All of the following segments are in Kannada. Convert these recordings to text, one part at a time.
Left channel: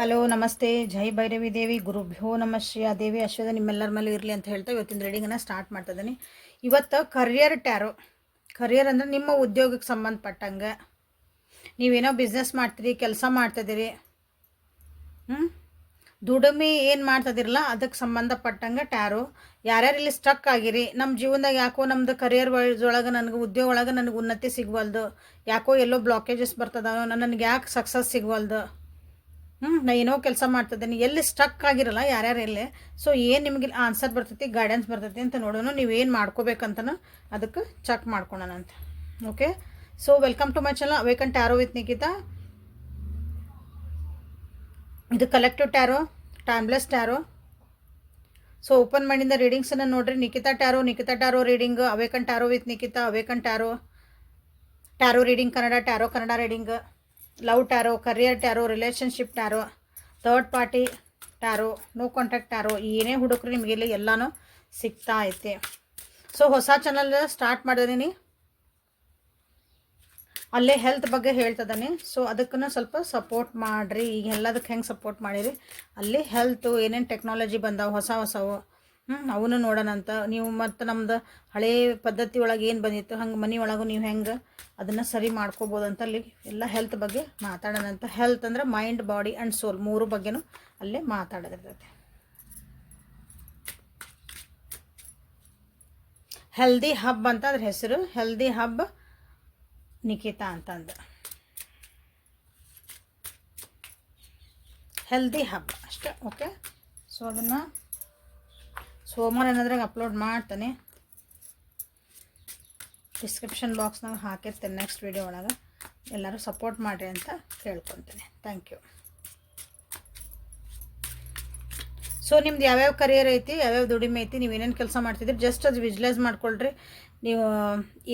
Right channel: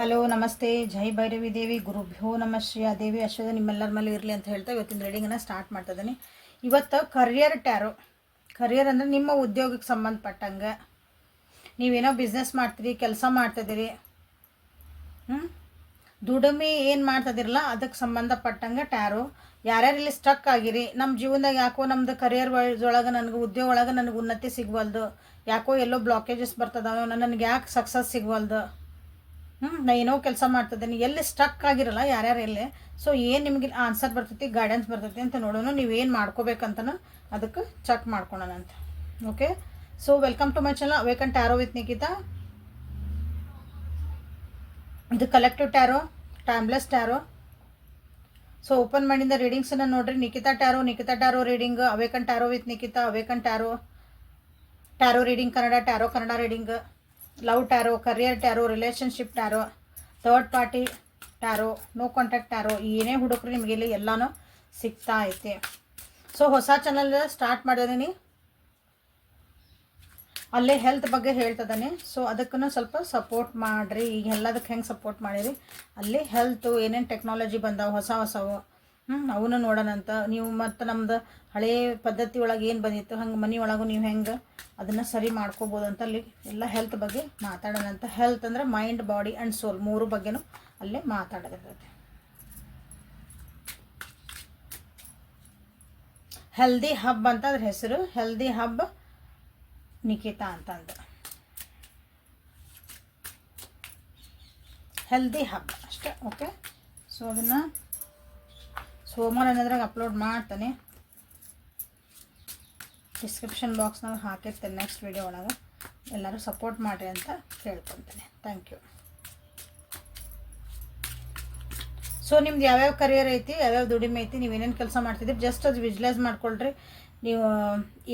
ಹಲೋ, ನಮಸ್ತೆ. ಜೈ ಭೈರವಿ ದೇವಿ, ಗುರುಭ್ಯೋ ನಮ ಶ್ರೀ ದೇವಿ. ಅಶ್ವದ ನಿಮ್ಮೆಲ್ಲರ ಮೇಲೆ ಇರಲಿ ಅಂತ ಹೇಳ್ತಾ ಇವತ್ತಿನ ರೀಡಿಂಗನ್ನು ಸ್ಟಾರ್ಟ್ ಮಾಡ್ತಾ ಇದ್ದೀನಿ. ಇವತ್ತು ಕರಿಯರ್ ಟ್ಯಾರೋ ಕರಿಯರ್ ಅಂದರೆ ನಿಮ್ಮ ಉದ್ಯೋಗಕ್ಕೆ ಸಂಬಂಧಪಟ್ಟಂಗೆ. ನೀವೇನೋ ಬಿಸ್ನೆಸ್ ಮಾಡ್ತೀರಿ, ಕೆಲಸ ಮಾಡ್ತಿದ್ದೀರಿ ಹ್ಞೂ ದುಡಿಮೆ ಏನು ಮಾಡ್ತದಿರಲ್ಲ ಅದಕ್ಕೆ ಸಂಬಂಧಪಟ್ಟಂಗೆ ಟ್ಯಾರೋ ಯಾರ್ಯಾರು ಇಲ್ಲಿ ಸ್ಟ್ರಕ್ ಆಗಿರಿ ನಮ್ಮ ಜೀವನದಾಗ ಯಾಕೋ ನಮ್ಮದು ಕರಿಯರ್ ಒಳಗೆ ನನಗೆ ಉದ್ಯೋಗ ಒಳಗೆ ನನಗೆ ಉನ್ನತಿ ಸಿಗವಲ್ದು. ಯಾಕೋ ಎಲ್ಲೋ ಬ್ಲಾಕೇಜಸ್ ಬರ್ತದೋ ನನಗೆ ಯಾಕೆ ಸಕ್ಸಸ್ ಸಿಗವಲ್ದು? ಹ್ಞೂ ನಾ ಏನೋ ಕೆಲಸ ಮಾಡ್ತಿದ್ದೀನಿ ಎಲ್ಲಿ ಸ್ಟಕ್ ಆಗಿರಲ್ಲ ಯಾರ್ಯಾರು ಎಲ್ಲೇ? ಸೊ ಏನು ನಿಮಗೆ ಆನ್ಸರ್ ಬರ್ತೈತಿ ಗೈಡೆನ್ಸ್ ಬರ್ತೈತಿ ಅಂತ ನೋಡೋಣ. ನೀವೇನು ಮಾಡ್ಕೋಬೇಕಂತನೂ ಅದಕ್ಕೆ ಚೆಕ್ ಮಾಡ್ಕೊಳೋಣ ಅಂತ. Okay so welcome to my channel awaken tarot with Nikita ಇದು collective tarot timeless tarot so open ಮೈಂಡಿಂದ ರೀಡಿಂಗ್ಸನ್ನು ನೋಡ್ರಿ. Nikhita tarot Nikhita tarot reading awaken tarot with Nikhita awaken tarot tarot reading Kannada tarot Kannada reading love tarot, career tarot relationship tarot, third party tarot, no contact tarot, ಏನೇ ಹುಡುಕ್ರಿ ನಿಮಗೆ ಇಲ್ಲಿ ಎಲ್ಲನೂ ಸಿಗ್ತಾ ಐತೆ. ಸೊ ಹೊಸ ಚಾನಲ್ ಸ್ಟಾರ್ಟ್ ಮಾಡಿದೀನಿ. ಅಲ್ಲಿ ಹೆಲ್ತ್ ಬಗ್ಗೆ ಹೇಳ್ತದಾನೆ ಸೊ ಅದಕ್ಕೂ ಸ್ವಲ್ಪ ಸಪೋರ್ಟ್ ಮಾಡಿರಿ. ಈಗ ಎಲ್ಲದಕ್ಕೆ ಹೆಂಗೆ ಸಪೋರ್ಟ್ ಮಾಡಿರಿ? ಅಲ್ಲಿ ಹೆಲ್ತು ಏನೇನು ಟೆಕ್ನಾಲಜಿ ಬಂದಾವೆ, ಹೊಸ ಹೊಸವು. ಹ್ಞೂ ಅವನು ನೋಡೋಣ ಅಂತ. ನೀವು ಮತ್ತು ನಮ್ದು ಹಳೇ ಪದ್ಧತಿ ಒಳಗೆ ಏನು ಬಂದಿತ್ತು? ಹಂಗೆ ಮನೆ ಒಳಗೂ ನೀವು ಹೆಂಗೆ ಅದನ್ನು ಸರಿ ಮಾಡ್ಕೋಬೋದು ಅಂತ ಅಲ್ಲಿ ಎಲ್ಲ ಹೆಲ್ತ್ ಬಗ್ಗೆ ಮಾತಾಡೋಣ ಅಂತ. ಹೆಲ್ತ್ ಅಂದರೆ ಮೈಂಡ್ ಬಾಡಿ ಆ್ಯಂಡ್ ಸೋಲ್ ಮೂರು ಬಗ್ಗೆನೂ ಅಲ್ಲೇ ಮಾತಾಡೋದಿರ್ತೈತೆ. ಹೆಲ್ದಿ ಹಬ್ ಅಂತ ಅದ್ರ ಹೆಸರು. ಹೆಲ್ದಿ ಹಬ್ ನಿಖಿತಾ ಅಂತಂದ. ಹೆಲ್ದಿ ಹಬ್ ಅಷ್ಟೇ ಓಕೆ ಸೊ ಅದನ್ನು ಸೋಮವಾರ ಏನಾದ್ರಾಗ ಅಪ್ಲೋಡ್ ಮಾಡ್ತಾನೆ. ಡಿಸ್ಕ್ರಿಪ್ಷನ್ ಬಾಕ್ಸ್ನಾಗ ಹಾಕಿರ್ತೇನೆ ನೆಕ್ಸ್ಟ್ ವಿಡಿಯೋ ಒಳಗೆ. ಎಲ್ಲರೂ ಸಪೋರ್ಟ್ ಮಾಡಿರಿ ಅಂತ ಕೇಳ್ಕೊತೇನೆ. ಥ್ಯಾಂಕ್ ಯು ಸೊ ನಿಮ್ದು ಯಾವ್ಯಾವ ಕರಿಯರ್ ಐತಿ, ಯಾವ್ಯಾವ ದುಡಿಮೆ ಐತಿ, ನೀವು ಏನೇನು ಕೆಲಸ ಮಾಡ್ತಿದ್ರಿ ಜಸ್ಟ್ ಅದು ವಿಜುಲೈಸ್ ಮಾಡ್ಕೊಳ್ರಿ. ನೀವು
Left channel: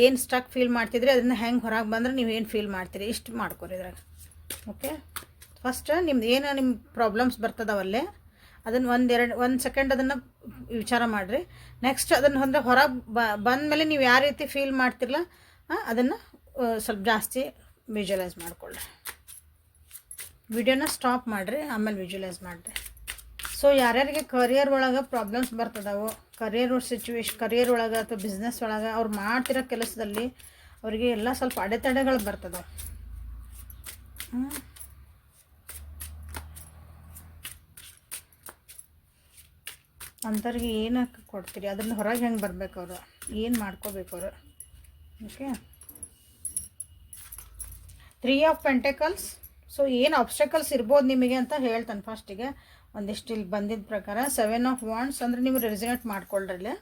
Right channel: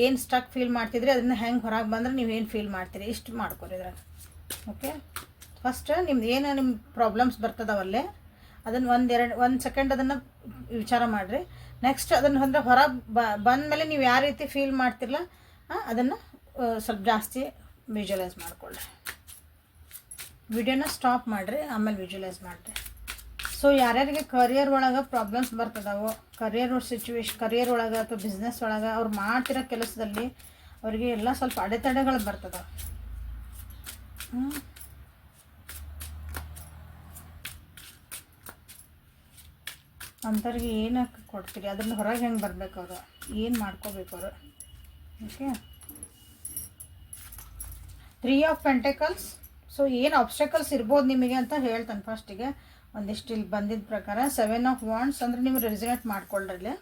ಏನು ಸ್ಟಕ್ ಫೀಲ್ ಮಾಡ್ತಿದ್ರಿ ಅದನ್ನು ಹೆಂಗೆ ಹೊರಗೆ ಬಂದ್ರೆ ನೀವು ಏನು ಫೀಲ್ ಮಾಡ್ತೀರಿ, ಇಷ್ಟು ಮಾಡ್ಕೊರಿ ಇದ್ರಾಗ. ಓಕೆ ಫಸ್ಟ್ ನಿಮ್ದು ಏನು ನಿಮ್ಮ ಪ್ರಾಬ್ಲಮ್ಸ್ ಬರ್ತದವಲ್ಲೇ ಅದನ್ನು ಒಂದೆರಡು ಒಂದು ಸೆಕೆಂಡ್ ಅದನ್ನು ವಿಚಾರ ಮಾಡಿರಿ. ನೆಕ್ಸ್ಟ್ ಅದನ್ನು ಅಂದ್ರೆ ಹೊರ ಬಂದಮೇಲೆ ನೀವು ಯಾವ ರೀತಿ ಫೀಲ್ ಮಾಡ್ತಿರಲ್ಲ ಅದನ್ನು ಸ್ವಲ್ಪ ಜಾಸ್ತಿ ವಿಜುವಲೈಸ್ ಮಾಡ್ಕೊಳ್ಳಿ ವಿಡಿಯೋನ ಸ್ಟಾಪ್ ಮಾಡಿರಿ, ಆಮೇಲೆ ವಿಜುವಲೈಸ್ ಮಾಡಿರಿ. ಸೊ ಯಾರ್ಯಾರಿಗೆ ಕರಿಯರ್ ಒಳಗೆ ಪ್ರಾಬ್ಲಮ್ಸ್ ಬರ್ತದವು ಕರಿಯರ್ ಸಿಚುವೇಶನ್ ಕರಿಯರ್ ಒಳಗೆ ಅಥವಾ ಬಿಸ್ನೆಸ್ ಒಳಗೆ ಅವ್ರು ಮಾಡ್ತಿರೋ ಕೆಲಸದಲ್ಲಿ ಅವರಿಗೆ ಎಲ್ಲ ಸ್ವಲ್ಪ ಅಡೆತಡೆಗಳು ಬರ್ತದಾವೆ. ಅಂಥವ್ರಿಗೆ ಏನಕ್ಕೆ ಕೊಡ್ತೀರಿ? ಅದನ್ನು ಹೊರಗೆ ಹೆಂಗೆ ಬರ್ಬೇಕು ಅವರು? ಏನು ಮಾಡ್ಕೋಬೇಕು ಅವರು? Okay three of pentacles so ಏನು ಆಬ್ಸ್ಟಕಲ್ಸ್ ಇರ್ಬೋದು ನಿಮಗೆ ಅಂತ ಹೇಳ್ತಾನೆ ಫಸ್ಟಿಗೆ ಒಂದಿಷ್ಟು ಇಲ್ಲಿ ಬಂದಿದ್ದ ಪ್ರಕಾರ ಸೆವೆನ್ ಆಫ್ ವಾಂಡ್ಸ್ ಅಂದರೆ ನೀವು ಮಾಡ್ಕೊಳ್ರಿ ಮಾಡ್ಕೊಳ್ರಲ್ಲಿ.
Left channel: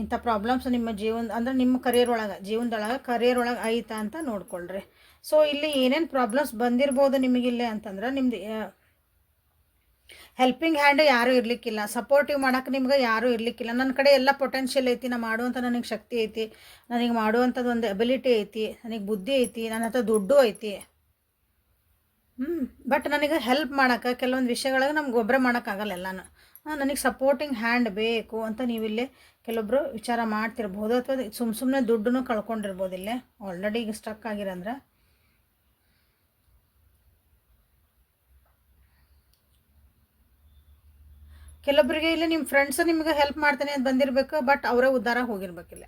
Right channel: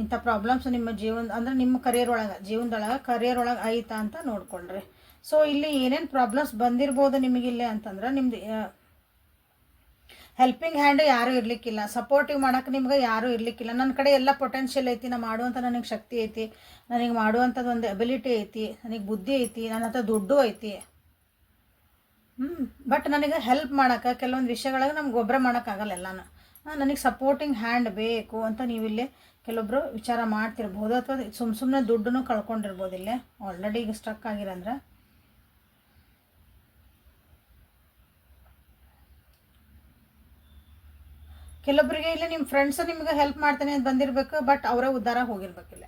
ಇಂಥ ಪ್ರಾಬ್ಲಮ್ಸ್ ನಿಮ್ಮ ಜೀವನ, ಅಂದರೆ ನಿಮ್ಮ ಕರಿಯರ್ ಒಳಗೆ, ಜೀವನದೊಳಗೆ ಕರಿಯರ್ ಒಳಗೆ ಐತಾ ಅಂತ ನೋಡ್ಕೊಳ್ರಿ. ಸೊ ಇಲ್ಲಿ ಏನೇನು ಪ್ರಾಬ್ಲಮ್ಸ್ ಬಂದಿರ್ಬೋದು ನಿಮಗಿಲ್ಲೇ ಅಂತಂದ್ರೆ ನಿಮ್ದು ಹೆಲ್ಪಿಂಗ್ ಹ್ಯಾಂಡ್ ಯಾರೂ ಇರಲಿಕ್ಕಿಲ್ಲ. ಸಪೋರ್ಟಿವ್ ಮಾಡೋಕೆ ನಿಮ್ಗೆ ಯಾರೂ ಇರಲಿಕ್ಕಿಲ್ಲ. ನನ್ನ ಕಡೆ ಎಲ್ಲ ಪೊಟೆನ್ಷಿಯಲ್ ಐತಿ. ನಾ ಮಾಡುವಂಥ ನನಗೆ ಶಕ್ತಿ ಐತಿ. ನನಗೆ ಮಾಡುವಂಥದ್ದು ಒಂದು ಎಬಿಲಿಟಿ ಐತಿ. ನನಗೆ ಬುದ್ಧಿ ಐತಿ. ನನ್ನ ಹತ್ರ ದುಡ್ಡು ಐತಿ. ಹ್ಞೂ ಬಟ್ ನನಗೆ ಹೆಲ್ಪ್ ಮಾಡೋಕೆ, ಕೆಲವೊಂದು ವಿಷಯಗಳಿಗೆ ನಮ್ಗೆ ಗೊಬ್ಬರ ಮಾಡೋಕ್ಕಾಗಲ್ಲ ಎಲ್ಲನೂ. ನನಗೆ ಸಪೋರ್ಟಿಂಗ್ ಹ್ಯಾಂಡ್ ಬೇಕು ಅಂತ ನೀವಿಲ್ಲೇ ಕೆಲವೊಬ್ಬರು ವಿಚಾರ ಮಾಡ್ತಿರ್ಬೋದು. ಅಥವಾ ಸುಮ್ಮ ಸುಮ್ಮನೆ ದುಡ್ಡನ್ನು ಕಳ್ಕೊಂಡಿರ್ಬೋದು ಇಲ್ಲೇ. ಆಲ್ರೆಡಿ ಈಗ ಸ್ಟಕ್ ಆಗಿರಂದ್ರೆ. ಕೆಲವೊಬ್ಬರಿಗೆ ಇಲ್ಲಿ ನಿಮ್ಮ ಫ್ರೆಂಡ್ಸ್ ನಿಮ್ಗೆ ಹೆಲ್ಪ್ ಮಾಡ್ತಾನೆ ಅಂತ ಬಂದಿರಬೇಕು ಬಟ್ ಅವರೇ ಉದ್ದಾರ ಹೋಗಿರ್ಬೇಕಿಲ್ಲ.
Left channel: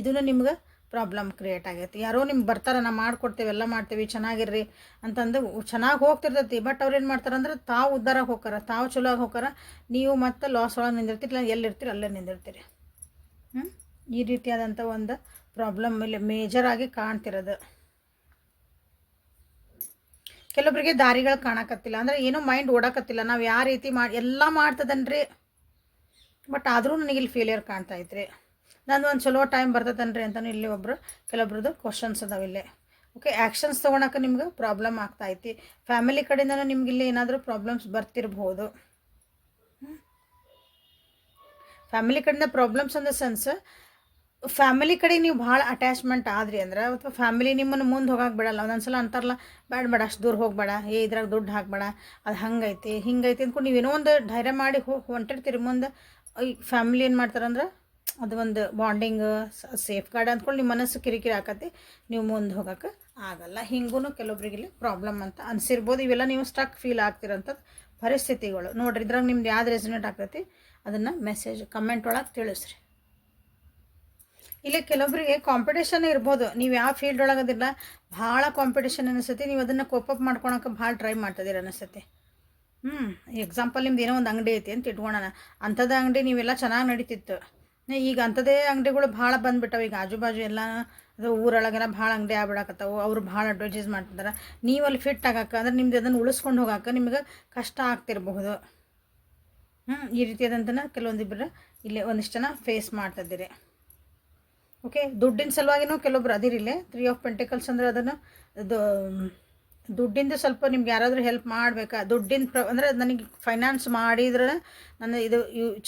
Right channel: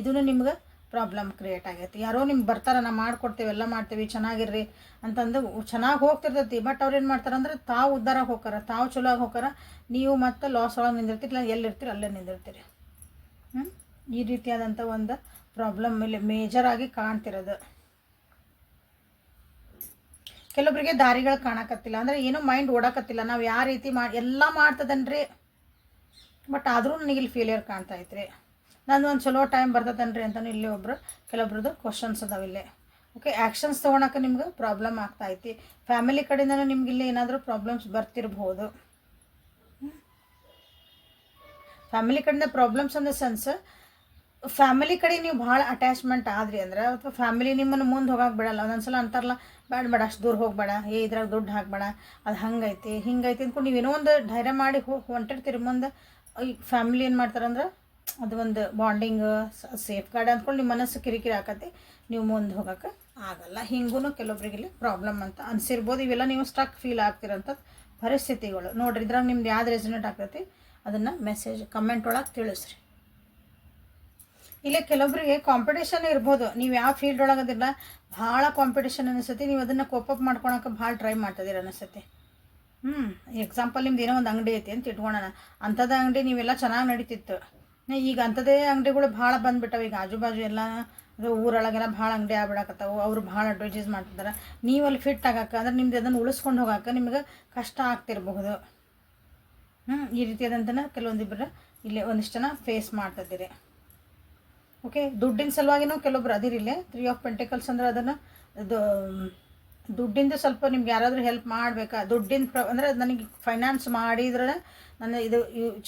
ಇದೂ ನಿಮ್ಗೆ ಪ್ರಾಬ್ಲಮ್ ಕ್ರಿಯೇಟ್ ಆಗೈತಿ. ಯಾರೋ ನಿಮ್ಗೆ ಬರ್ತಾರ, ನಾ ಮಾಡ್ಕೊಡ್ತೇವೆ, ಎಲ್ಲ ಮಾಡ್ತೇವೆ, ಚೆನ್ನಾಗಿರ್ರಿ ಅಂತಂದು ಚೆನ್ನಾಗಿ ಹೋಗ್ತಿರ್ತೈತಿ ಬಟ್ ಅವ್ರು ಏನು ಮಾಡ್ತಾರೆ ಅಂದ್ರೆ ತಾವು ಉದ್ದಾರ ಹೋಗಾರ ತಾವು ಚಲೋ ಆಗಿ ಹೋಗಾರ ನೀವು ಮತ್ತೆ ಲಾಸ್ ಒಳಗೆ ನಿಂದಿರ್ತೀರಿ ಎಲ್ಲಿರ್ತೀರಿ ಅಲ್ಲೇ ನಿಂದಿರ್ತೀರಿ. ಹ್ಞೂ ಈ ರೀತಿಯಾದಂಥ ಒಂದು ಪ್ರಾಬ್ಲಮ್ ಮೇಲೆ ಆಗಿ ಕಾಣ್ತಿರೋದು. ಕೆಲವೊಬ್ಬರಿಗೆ ದಾರಿಗಳು ಕಾಣಕತ್ತಿಲ್ಲ. ಅಂದರೆ ಏನು ಮೈಂಡ್ ಓಡಾಕತ್ತಿಲ್ಲ. ನಾವು ಯಾವ ರೀತಿ ಮಾಡಿ ಎಲ್ಲ ಮಾಡ್ತದನ್ರಿ? ಬಟ್ ಆದರೂ ನನಗೆ ಇಲ್ಲಿ ಫೇಲಿಯರ್ ಕಾಣ್ತಾ ಐತ್ರಿ. ನಂದು ಒಂದು ಚಲೋ ಟೈಮ್ ಬರ್ತದನ್ರಿ ಅಂತಲೂ ಇಲ್ಲಿ ಒಬ್ಬರು ಕೆಲವೊಬ್ರದ್ದು ಕ್ವಶನ್ಸ್ ಅದಾವ ಇಲ್ಲೇ. ಓಕೆ ಆ್ಯಕ್ಷನ್ಸ್ ತೊಗೊಳಕ್ಕೆ ನಿಮ್ಗೆ ಪ್ರಾಬ್ಲಮ್ ಆಗ್ತಾ ಐತಿ. ಫ್ಯಾಮಿಲಿ ಕಡೆಯಿಂದನೂ ನಿಮ್ಗೆ ಇಲ್ಲಿ ಏನಾದರೂ ಪ್ರಾಬ್ಲಮ್ಸ್ ಬರ್ತಿರ್ಬೋದು. ಫ್ಯಾಮಿಲಿ ಕಡೆಯಿಂದ ಪ್ರಾಬ್ಲಮ್ಸ್ ದ ಸೆನ್ಸ್ ಫ್ಯಾಮಿಲಿ ಕಡೆ ನೀವು ಭಾಳ ಅಟ್ಯಾಚ್ಮೆಂಟ್ ಆದ್ರಿ ಅಂದ್ರೆ, ಅಥವಾ ಫ್ಯಾಮಿಲಿ ನಿಮ್ಮನ್ನು ಮುಂದೆ ಹೋಗಕ್ಕೆ ಬಿಡಲ್ಲ. ಒಂದೊಂದ್ಸಲ ಅಂತಾರಲ್ಲ, ಬೇಡ ಬೇಡ, ಅಷ್ಟು ದೂರ ಹೋಗಬೇಡ, ಏ ಇದ್ರಾಗ ದುಡ್ಡು ಹಾಕಬೇಡ, ಅದು ಹಂಗೈತಿ, ಹಿಂಗೈತಿ ಅಂದ್ಕೊಂಡು ಏನೋ ಒಂದು ಧೈರ್ಯ ಮಾಡಿ ಹೋಗಿ ಹೊಂಟಿರ್ತೀರಿ ಮುಂದೆ ಈ ಫ್ಯಾಮಿಲಿ ಏನು ಮಾಡ್ತಾರಂದ್ರೆ ಅದು ಒಂದು ಬಾಂಡಿಂಗ್ ಸೇಫ್ ಗಾರ್ಡ್ ಅಂದ್ಕೊಂಡು ನಿಮ್ಮ ಮನಸ್ಸು ಕಿರಿಕಿರಿ ಆಕತಿ, ನೀವು ಮುಂದೆ ಹೋಗೋಕೆ ಆಗಲ್ಲ. ಹಿಂಗೂ ಕೆಲವೊಬ್ರಿಗೆ ಪ್ರಾಬ್ಲಮ್ ಅಂತ ಅನಿಸಿರ್ಬೋದು. ಇವೆಲ್ಲ ನೀವು ಸ್ಟ್ರಕ್ ಫೀಲ್ ಆಗ್ತಿರೋಂಥ ಪರಿಸ್ಥಿತಿಗಳು. ನೋಡ್ರಿ, ಇದ್ರಾಗ ನಿಮ್ದು ಯಾವ್ದು ರೆಸಿನೇಟ್ ಆಗ್ತೈತಿ, ಅದನ್ನು ಮೆಸೇಜ್ ಕಮೆಂಟ್ ಒಳಗೆ ತಿಳಿಸ್ರಿ. ಇಲ್ಲಿ ಕೆಲವೊಬ್ಬರಿಗೆ ಕಾಂಪಿಟೇಷನ್ ಇರ್ಬೋದು. ನೀವು ಯಾವ ಫೀಲ್ಡ್ ಒಳಗೆ ಅದಿಲ್ಲ ಭಾಳ ಕಾಂಪಿಟೇಷನ್ ಅನಿಸುತ್ತೆ. ನೀವು ಅದನ್ನು ಕೋಪಪ್ ಮಾಡ್ಕೊಳಕ್ಕೆ ಭಾಳ ಟ್ರೈ ಮಾಡ್ತಿದ್ದೀರ ಅನಿಸುತ್ತೆ. ಹ್ಞೂ ಎಕ್ಸಾಂಪಲ್ ನಿಮ್ದು ಏನೋ ಒಂದು ಅಂಗಡಿ ಐತಿ ಅಂತ ಇಟ್ಕೊಳ್ಳೋಣ ಅಂಥದ್ದು ಅಂಗಡಿ ನೀವೆಲ್ಲ ಚೆನ್ನಾಗಿ ನಡೀತಿತ್ತು. ಈಗ ಅಂಥದ್ದೇ ಅಂಗಡಿಗಳು ಭಾಳ ಬಂದ್ಬಿಟ್ಟವೆ. ಈಗ ಆಜು ಬಾಜು ಎಲ್ಲ, ಅದು ಊರೊಳಗೆಲ್ಲ ಭಾಳ ಅಂಗಡಿ ಆಗ್ಬಿಡಕತ್ತವು. ಅವ್ರು ಭಾಳ ಅಡ್ವರ್ಟೈಸ್ ಮಾಡ್ತಿದ್ದಾರೆ ನೀವು ಅಲ್ಲಿ ಫಿಟ್ ಆಗಕ್ಕೆ, ಅಂದ್ರೆ ನಿಮ್ದು ಅದನ್ನು ಉಳಿಸ್ಕೊಂಡು ಹೋಗಕ್ಕೆ ನಿಮ್ಗೆ ಕಷ್ಟ ಆಗ್ತಿರಬಹುದು. ಹ್ಞೂ ಈ ರೀತಿಯಾದಂಥ ಕೆಲವೊಂದಿಬ್ಬರು ಇಲ್ಲಿ ಒಂದಿಷ್ಟು ಜನ ಫೇಸ್ ಮಾಡ್ತಿದ್ದೀರಿ. ಓಕೆ ದುಡ್ಡಿನ ಸಲುವಾಗಿನೂ ಕೆಲವೊಬ್ರು ಅದಿರಿಲ್ಲೇ ತ್ರೀ ಆಫ್ ಪೆಂಟಿಕಲ್ಸ್ ಅಂದ್ರೆ ಅದನ್ನು ದುಡ್ಡಿಂದು ಸ್ವಲ್ಪ ನಿಮ್ಗೆ ಯಾರಾದರೂ ಹೆಲ್ಪ್ ಮಾಡಬೇಕಾ? ದುಡ್ಡಿನ ಪ್ರ, ಅಂದರೆ ನನಗೆ ಫೈನಾನ್ಸ್ ಮಾಡಿದ್ರೆ ನನ್ನ ಇದು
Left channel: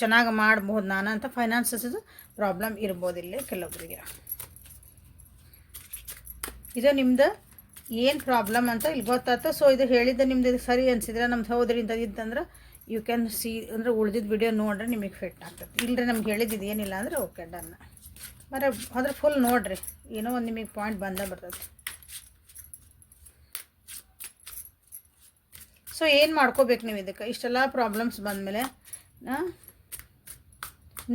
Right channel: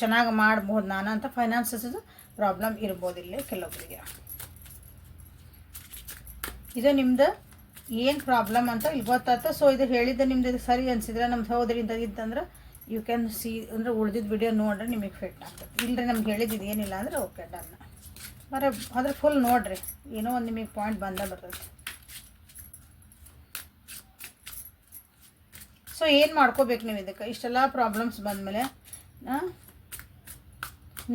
ಚೆನ್ನಾಗಿ ಮಾಡಬಹುದು ನಾನು ಅಂತ ಫೈನಾನ್ಸಸ್ ಪ್ರಾಬ್ಲಮ್ ಇರ್ಬೋದು ಇಲ್ಲಿ ಕೆಲವೊಬ್ಬರಿಗೆ ಇದು ನಿಮ್ದು ಏನು ಪ್ರಾಬ್ಲಮ್ ಅಂತ ಇಲ್ಲಿ ಗೊತ್ತಾಯ್ತು. ಸೊ ಇದು ಹೇಳಿದ್ದೆ ನಿಮ್ದು ಇದು ಸರಿ ಅನಿಸಿದ್ರೆ ನಮ್ದು ಹೌದ್ರಿ ಇಂಥದ್ದು ಇತ್ತಂದ್ರೆ ಯು ಕ್ಯಾನ್ ಸಿ ಅಂದರೆ ಉಳ್ದಿದ್ದು ವಿಡಿಯೋ ನೋಡ್ರೆ ನಿಮಗೆ ಫಿಟ್ ಆಗ್ತದೆ. ಇಲ್ಲರೆ ನಮ್ಗೆ ಹೇಳಿದ್ದು ಏನಿಲ್ಲ ಅಂದರೆ ಓಕೆ ಡನ್ ಬರೀ ಅದ್ರ ಫುಲ್ ನೋಡ್ರಿ. ಏನೋ ಒಂದು ನಿಮಗೆ ಪಾಯಿಂಟ್ ಬಂದ ಬರ್ತದೆ. ಸೊ ಏನು ಮಾಡ್ಕೋಬೇಕು ನೀವು ಇದಕ್ಕೆ? ಇಷ್ಟೆಲ್ಲ ಪ್ರಾಬ್ಲಮ್ಸ್ ಬಂದಮೇಲೆ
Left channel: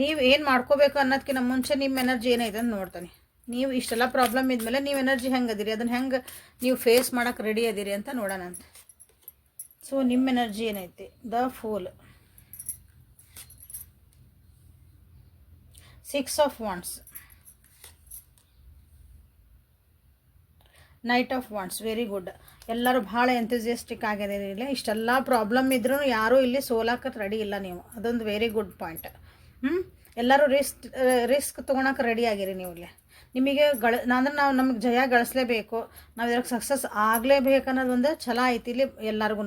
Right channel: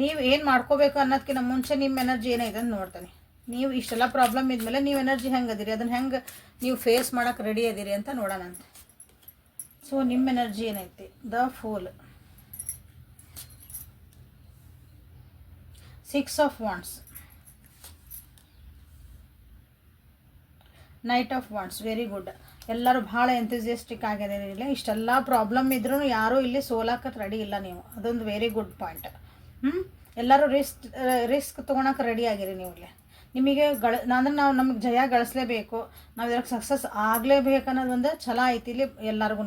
ನೀವು ಏನು ಮಾಡ್ಕೋಬೇಕು ಅನ್ನೋದಕ್ಕಿಂತ ಮುಂಚೆ ನಿಮ್ಮ ಎನರ್ಜಿ ಏನೈತೆ ಅಂತ ನೋಡ್ತಾನೆ. ನೀವು ಇಷ್ಟೆಲ್ಲ ಪ್ರಾಬ್ಲಮ್ ಇದ್ಮೇಲೆ ನೀವು ಎನರ್ಜಿ ಹೆಂಗೆ ಅದಿರಿ? ಅದನ್ನು ಹೆಂಗೆ ನೀವು ಫೇಸ್ ಮಾಡೋಕೆ ರೆಡಿ ಅದಿರಿ ಅಂತ ನೋಡೋಣ ಅಂತ. ಸೊ ನಿಮ್ಮ ಎನರ್ಜಿ ಏನೈತಿ the fool six of wands knight of wands very good ಎಲ್ಲರೂ ಭಾಳ ಎಂಥಸಿಯಸ್ಟಿಕ್ ಇಲ್ಲ. ಇಷ್ಟೆಲ್ಲ ಪ್ರಾಬ್ಲಮ್ ಇದ್ರೂ ಯಾರೂ ಇಲ್ಲಿ ಸೋಲಾಕಕ್ಕೆ ರೆಡಿ ಇಲ್ಲ ನೀವು. ಅದೊಂದು ವೆರಿ ಗುಡ್ ಪಾಯಿಂಟ್ ಹ್ಞೂ ಎಲ್ಲರೂ ರಿಸ್ಕ್ ರಿಸ್ಕ್ ತೊಗೊಳಕ್ಕೆ ರೆಡಿ ಆಗಿರಿ ನೀವು ಇಲ್ಲಿ. ನಿಮಗೆ ಗಳ ಅಂದ್ರೆ ನಾವು ನಮಗೆ ಜಯ ಗಳಿಸ್ಲೇಬೇಕು. ನಾವು ಇದ್ರಾಗ ಸಕ್ಸಸ್ ಆಗಲೇಬೇಕು ಅನ್ನೋದು ಒಂದು ಛಲ ಐತಿ ಇಲ್ಲಿ ಎಲ್ಲರಿಗೂ